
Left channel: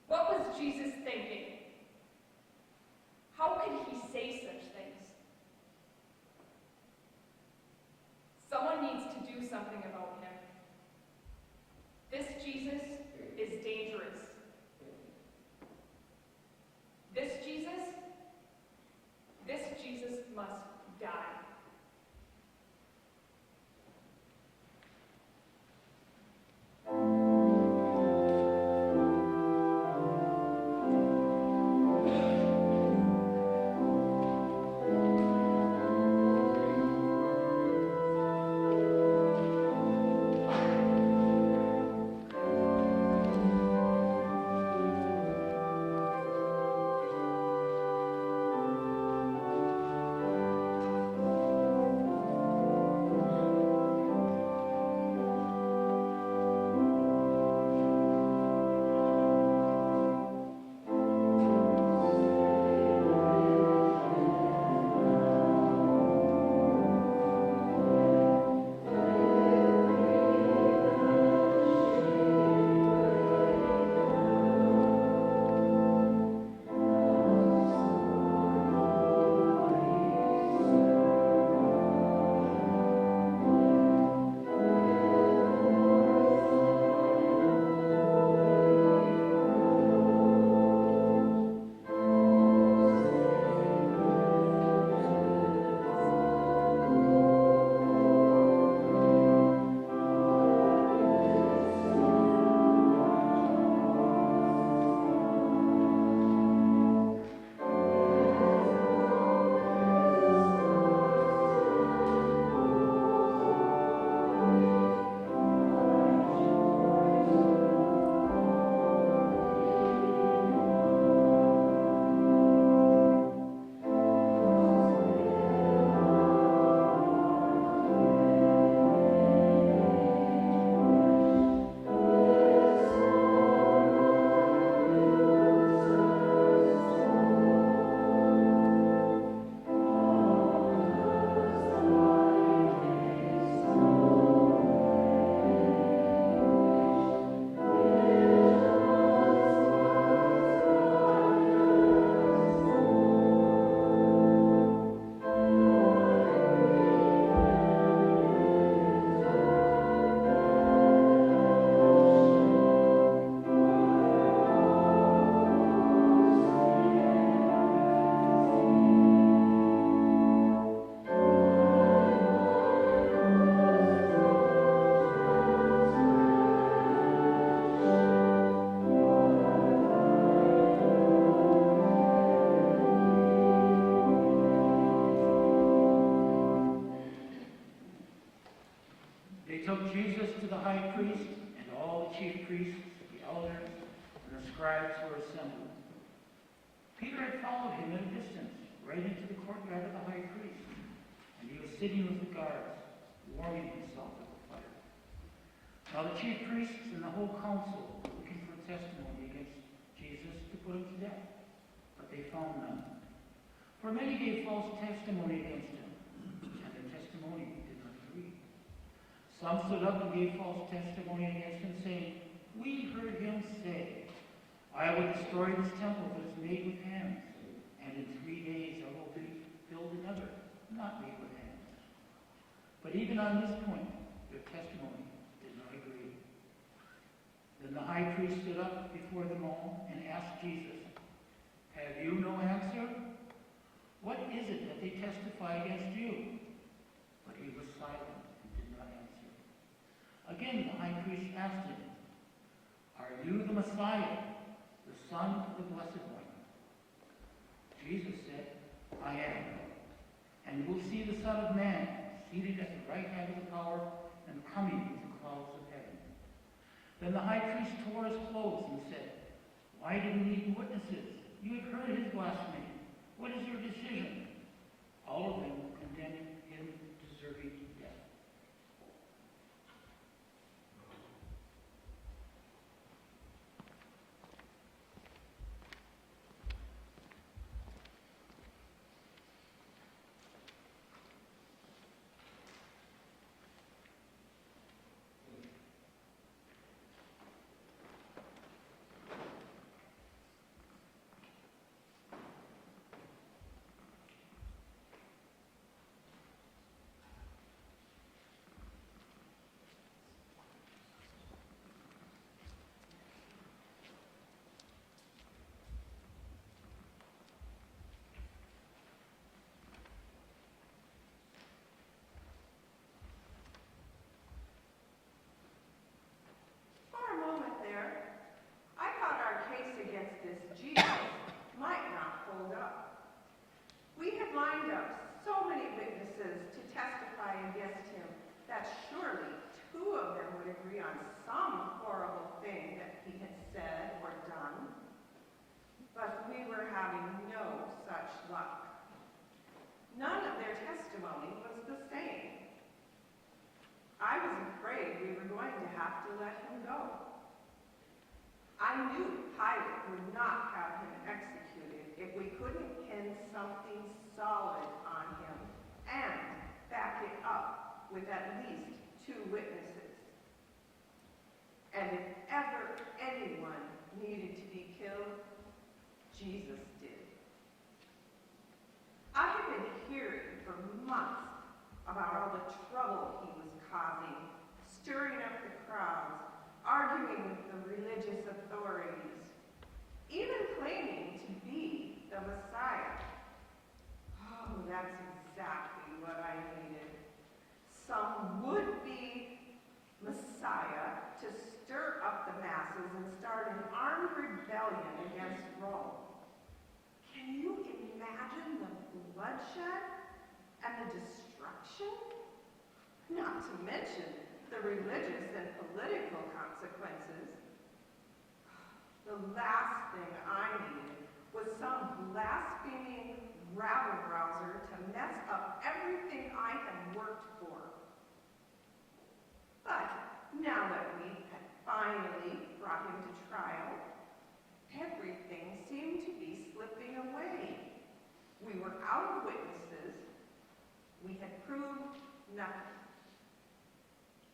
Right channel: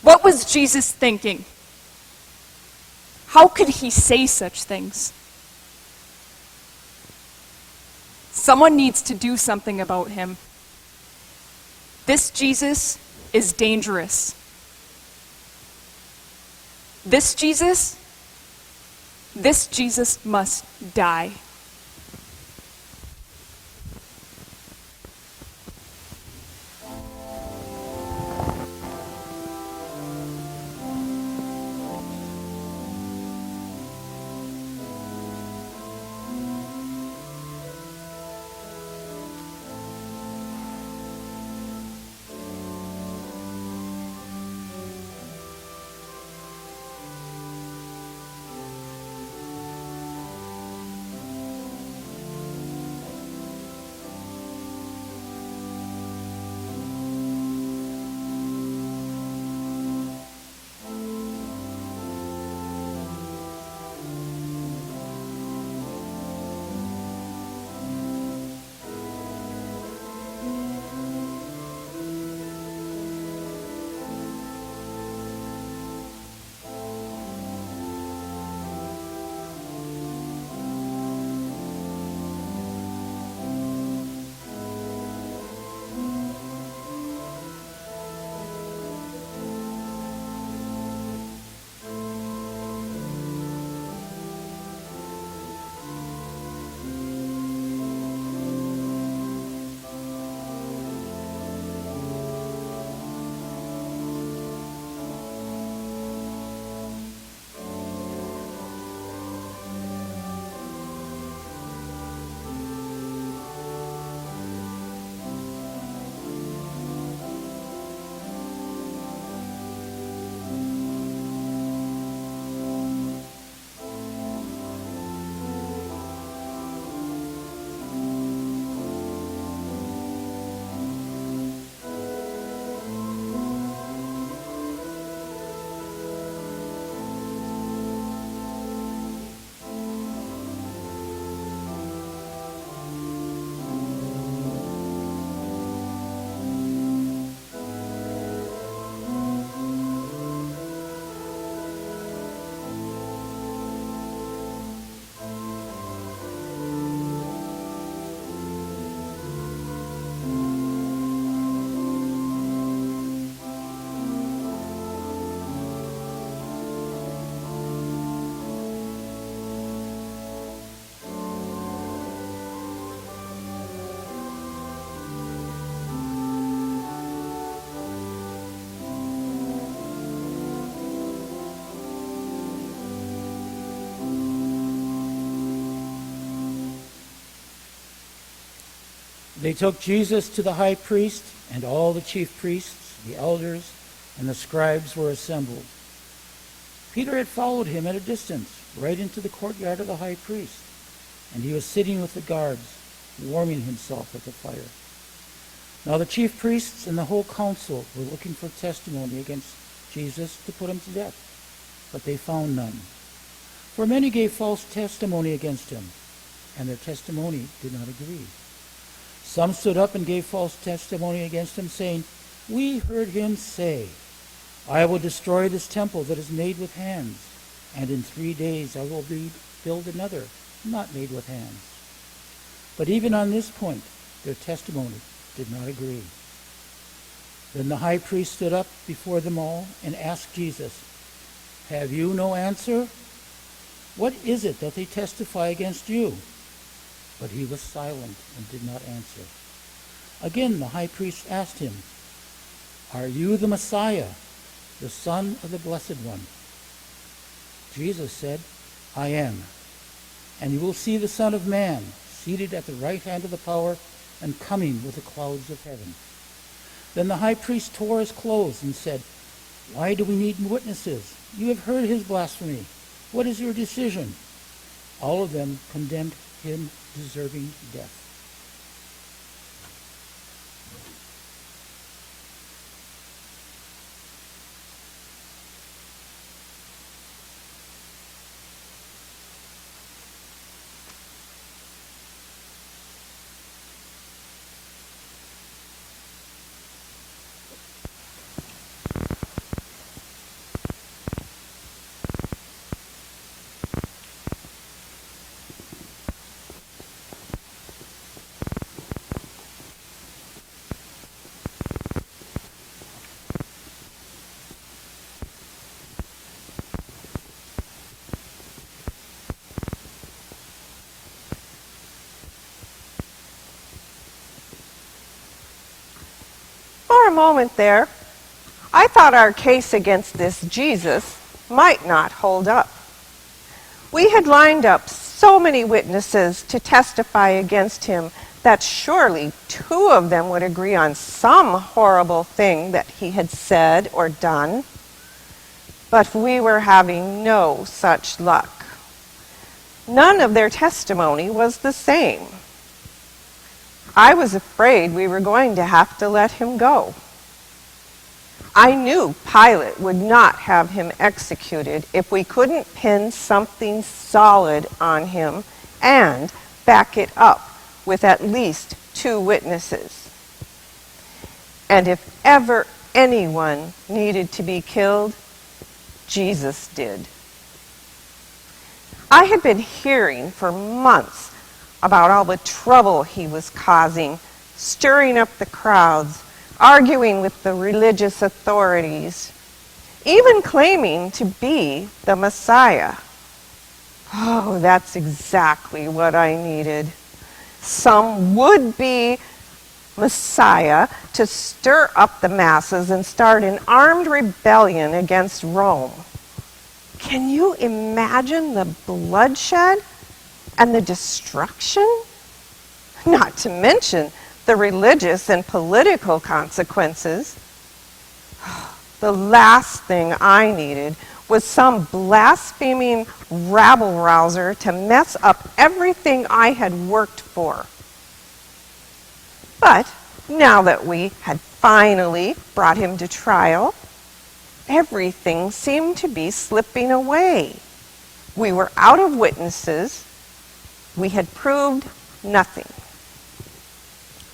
What was Jesus thinking? How could he say such things? Someone needs to do something about him. This Jesus is dangerous. This Jesus must die. They took Jesus to the high priest, and all the chief priests, the elders, and the scribes were assembled. Peter had followed him at a distance, right into the courtyard of the high priest, and he was sitting with the guards, warming himself at the fire. Now the chief priests and the whole council were looking for testimony against Jesus to put him to death, but they found none. For many gave false testimony against him, and their testimony did not agree. Some stood up and gave false testimony against him, saying, "We heard him say, 'I will destroy this temple that is made with hands, and in 3 days I will build another, not made with hands.' But even on this point, their testimony did not agree. Then the high priest stood up before them all and asked Jesus, 'Have you no answer? What is it that they testify against you?' But he was silent and did not answer. Again the high priest asked him, 'Are you the Messiah, the Son of the Blessed One?' Jesus said, 'I am. And you will see the Son of Man seated at the right hand of the power, and coming with the clouds of heaven. Then the high priest tore his clothes and said, "Why do we need witnesses? You have heard his blasphemy. What is your decision?" All of them condemned him, deserving death. For a moment there, I thought our case against this Jesus might not hold up. We had lined up so many witnesses to testify against him that surely 2 of them would agree on some horrible thing that he had said or done. But we were having no such luck. None of their testimony was the same. I was afraid we were going to have to let him go. I knew Pilate would not have him executed if we couldn't pin something solid on him and back it up with at least 2 witnesses. And if ever anyone needed to be killed, Jesus did. I had been hearing for months about all the trouble he was causing, stirring up the crowds, arguing with the religious authorities, even claiming to be the Messiah. Oh, that's exactly what I needed. Some would-be Messiah to stir up the masses and start an armed rebellion against Rome. Can you imagine the bloodshed and the destruction? Not to mention the religious and political consequences. The last thing I needed was some blaspheming rabble-rouser to mess up everything I had worked for. But now that we had finally brought him to trial, everything seemed to be slipping away. We were out of witnesses. We had proved nothing.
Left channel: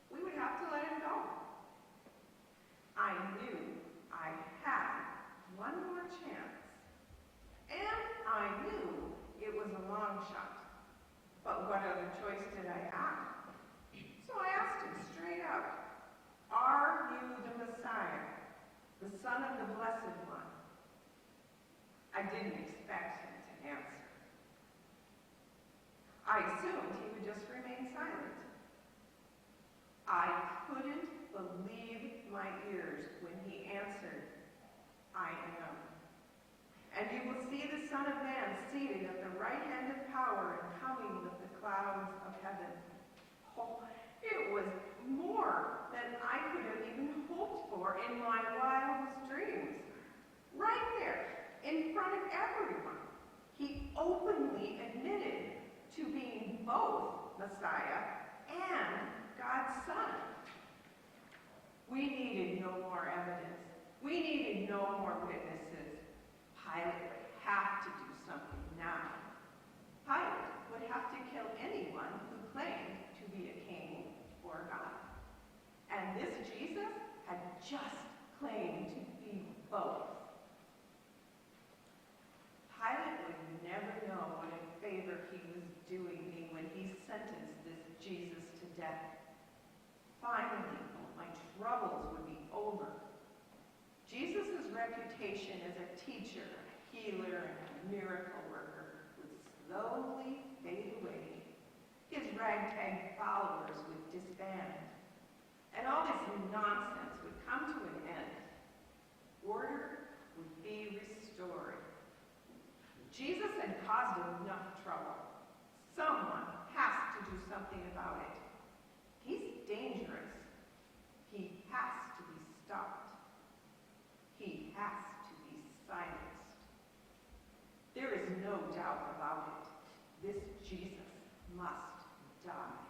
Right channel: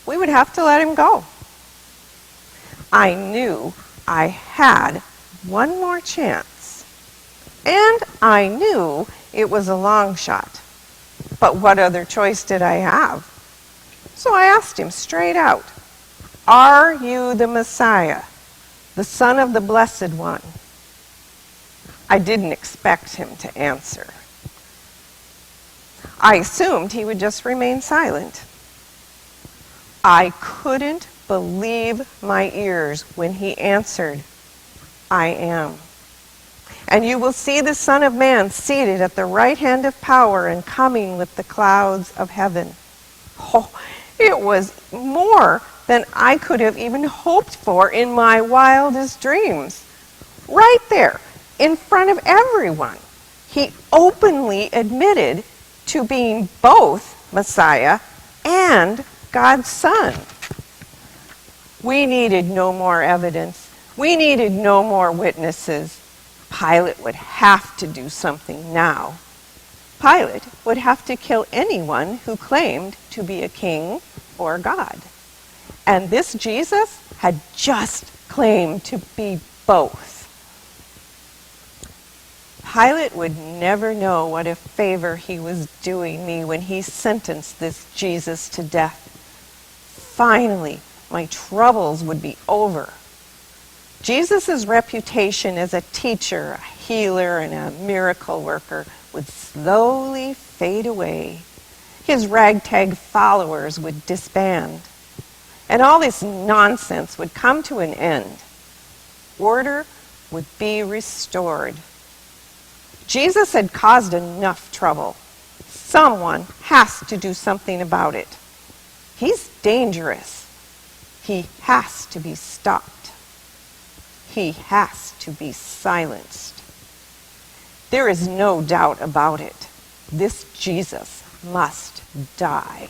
We would have to let him go. I knew I had one more chance, and I knew it was a long shot. But what other choice did I have? So I asked him straight out, "Are you the Messiah, the Son of the Blessed One?" I didn't expect him to answer. I assumed he would just remain silent. I couldn't believe my ears when he answered, "I am. And you will see the Son of Man seated at the right hand of power and coming with the clouds of heaven." Oh, it was more than I could have even hoped for in my wildest dreams. Right there, in front of everyone, he openly admitted to being both Messiah and God's Son. We needed no more evidence. We needed no more witnesses. Pilate would have to do something now. Pilate would have to kill anyone who claimed to be a king or God. And this Jesus had just claimed to be both. Pilate would never know what a favor he was doing me when he sentenced this Jesus to death. Finally, my troubles would be over. Jesus' reputation as a teacher, a healer, and a miracle worker would slowly fade away. His ragtag followers would disband. And all this nonsense would come to an end. Order would be restored. Jesus had caused enough trouble. Someone has to do something about it. He's dangerous. He has to be stopped. He has to be silenced. There is no doubt about it. This Jesus must die.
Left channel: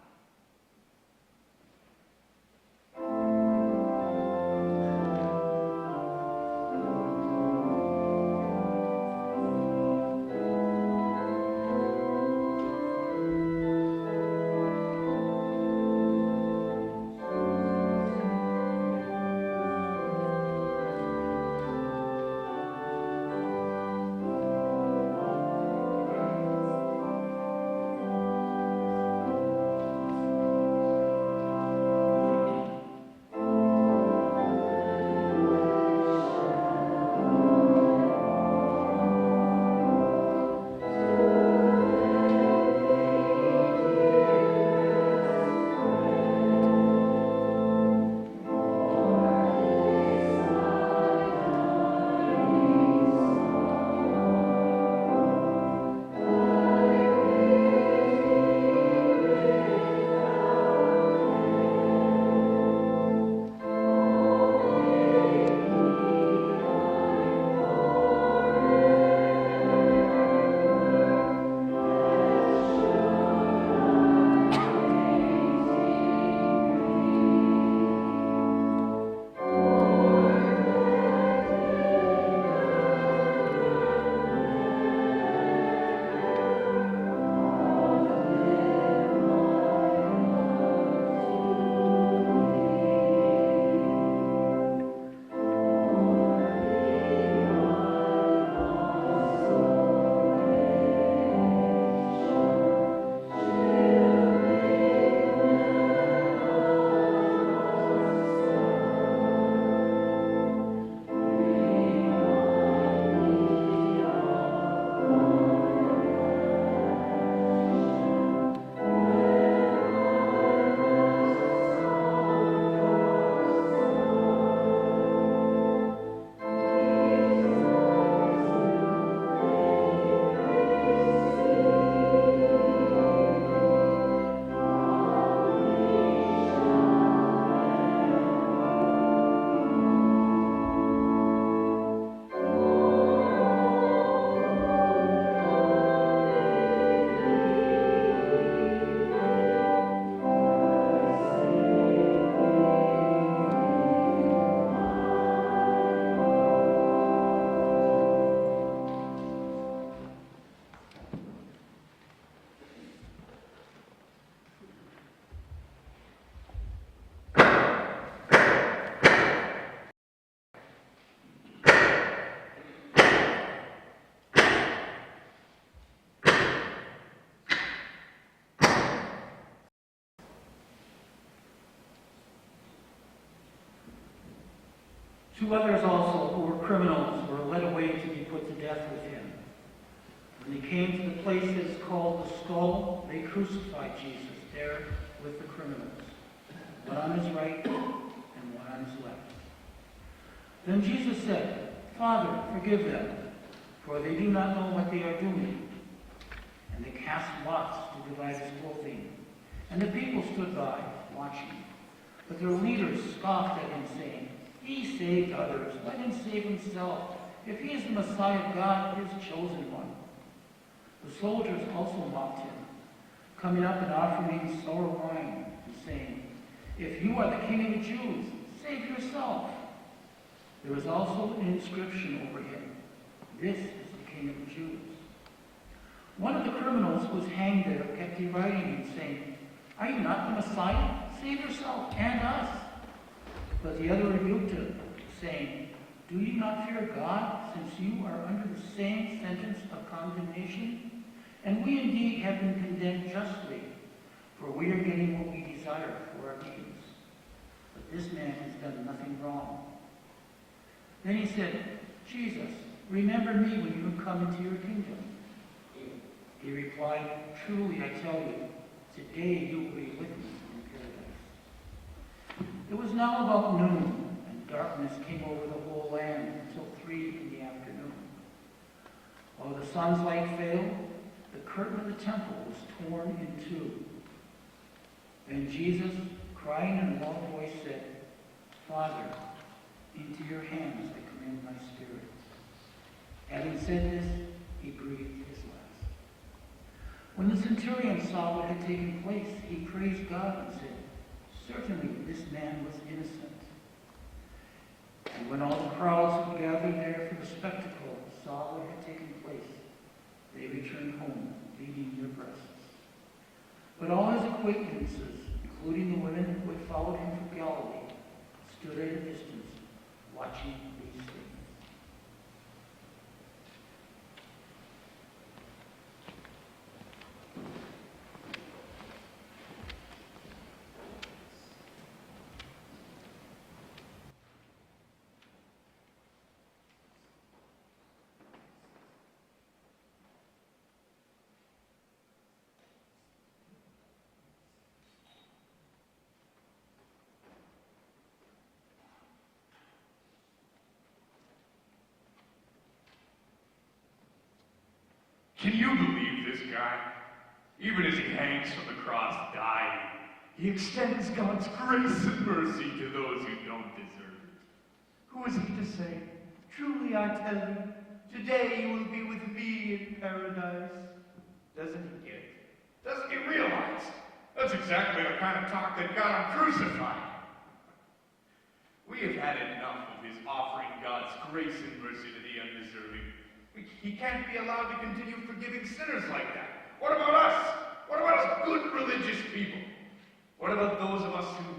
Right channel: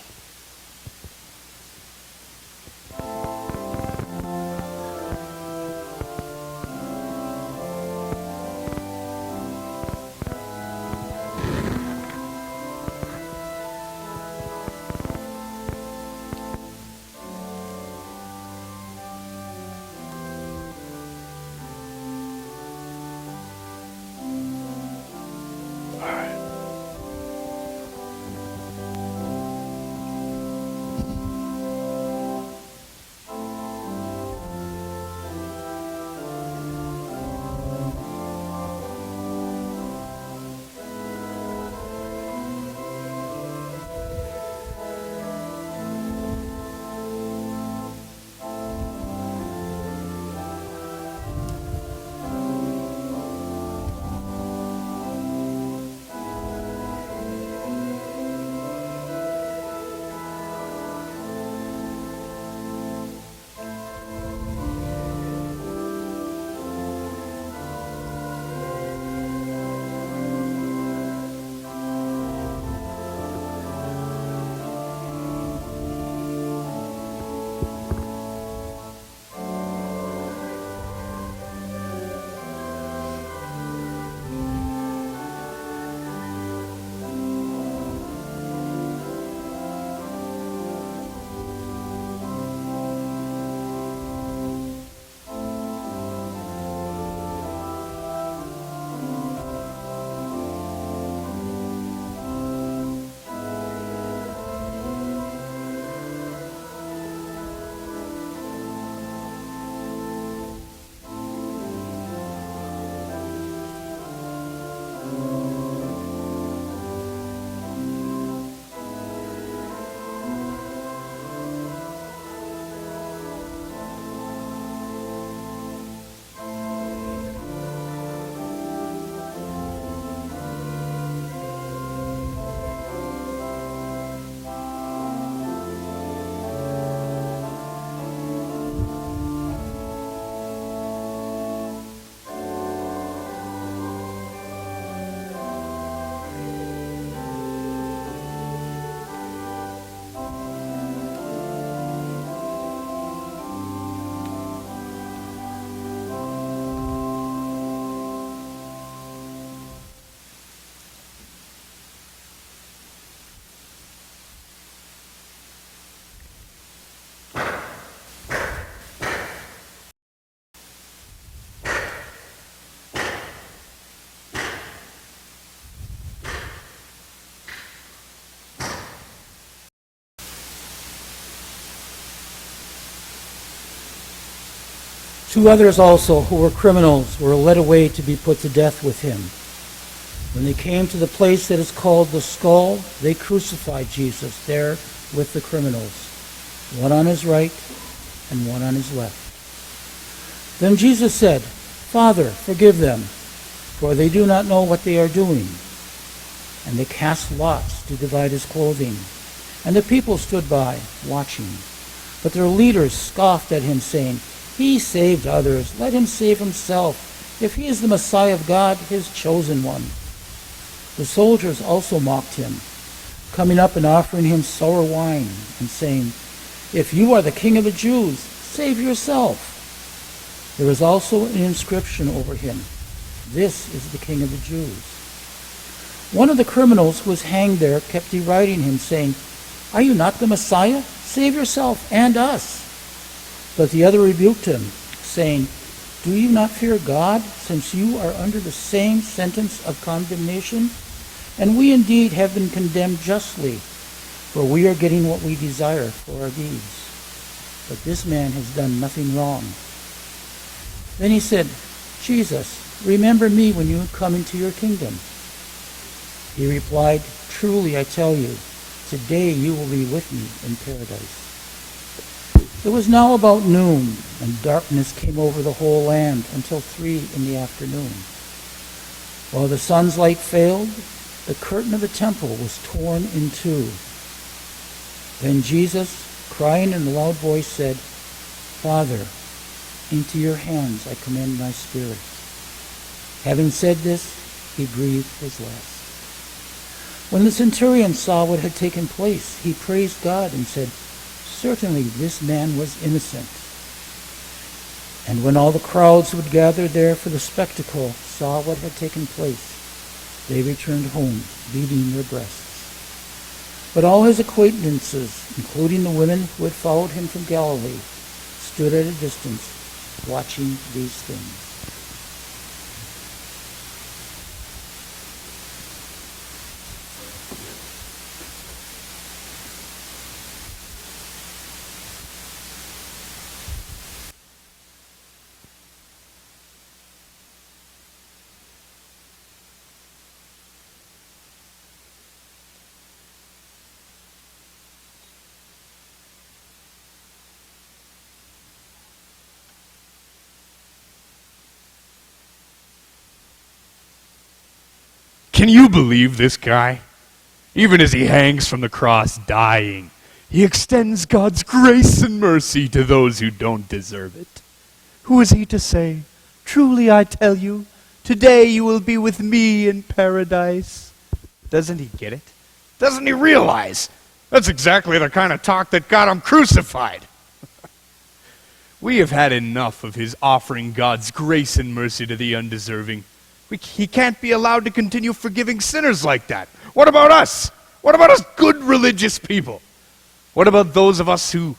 Two others also, who were criminals, were led away to be put to death with him. When they came to the place that is called the Skull, they crucified Jesus there with the criminals, one on his right and one on his left. Then Jesus said, "Father, forgive them, for they do not know what they are doing." And they cast lots to divide his clothing. And the people stood by, watching. But their leaders scoffed at him, saying, "He saved others. Let him save himself, if he is the Messiah of God, his chosen one." The soldiers also mocked him, coming up and offering him sour wine, and saying, "If you are the king of the Jews, save yourself." There was also an inscription over him, "This is the King of the Jews." One of the criminals who was hanged there kept deriding him, saying, "Are you not the Messiah? Save yourself and us." But the other rebuked him, saying, "Do you not fear God, since you are under the same sentence of condemnation? And we indeed have been condemned justly, for we are getting what we desire for our deeds. But this man has done nothing wrong." Then he said, "Jesus, remember me when you come into your kingdom." He replied, "Truly I tell you, today you will be with me in paradise." It was now about noon, and darkness came over the whole land until 3 in the afternoon. While the sun's light failed, the curtain of the temple was torn in two. Then Jesus, crying in a loud voice, said, Father, into your hands I commend my spirit. Having said this, he breathed his last. When the centurion saw what had taken place, he praised God and said, Certainly this man was innocent. And when all the crowds who had gathered there for the spectacle saw what had taken place, they returned home, beating their breasts. But all his acquaintances, including the women who had followed him from Galilee, stood at a distance, watching these things. Can you believe this guy? Even as he hangs from the cross dying, he extends God's grace and mercy to those who don't deserve it. Who is he to say, "Truly I tell you, today you will be with me in paradise"? Doesn't he get it? Doesn't he realize that's exactly the kind of talk that got him crucified? We have had enough of his offering God's grace and mercy to the undeserving. He can't be allowed to continue forgiving sinners like that. What about us? What about us good religious people? What about those of us who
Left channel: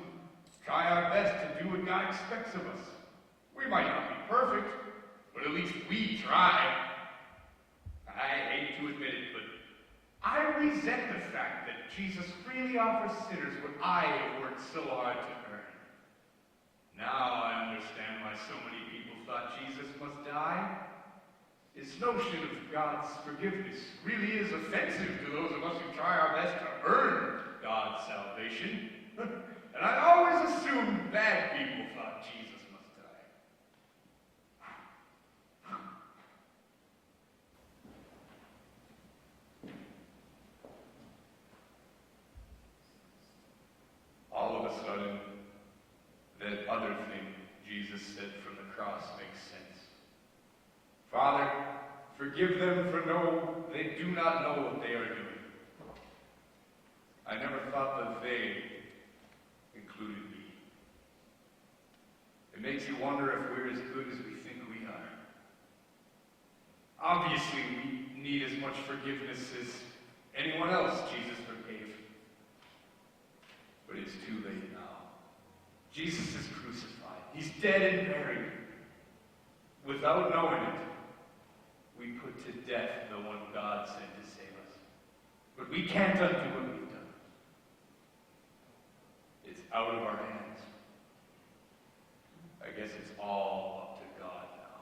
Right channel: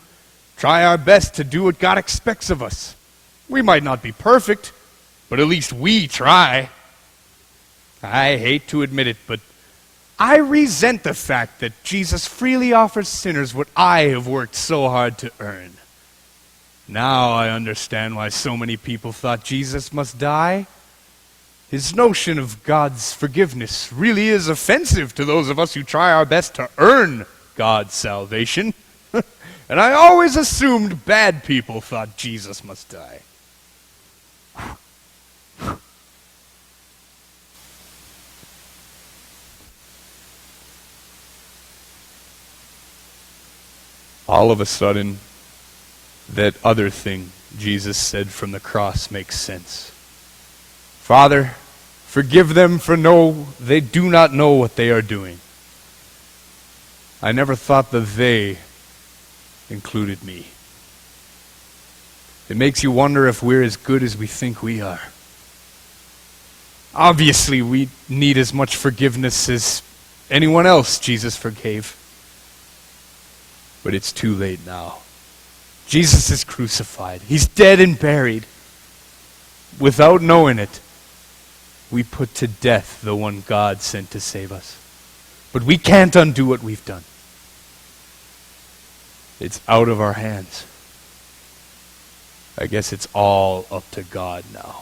try our best to do what God expects of us? We might not be perfect, but at least we try. I hate to admit it, but I resent the fact that Jesus freely offers sinners what I have worked so hard to earn. Now I understand why so many people thought Jesus must die. His notion of God's forgiveness really is offensive to those of us who try our best to earn God's salvation. And I always assumed bad people thought Jesus must die. All of a sudden, that other thing Jesus said from the cross makes sense. Father, forgive them, for they do not know what they are doing. I never thought the they included me. It makes you wonder if we're as good as we think we are. Obviously, we need as much forgiveness as anyone else Jesus forgave. But it's too late now. Jesus is crucified. He's dead and buried. Without knowing it, we put to death the one God sent to save us. But we can't undo what we've done. It's out of our hands. I guess it's all up to God now.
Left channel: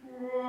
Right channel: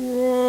Whoa.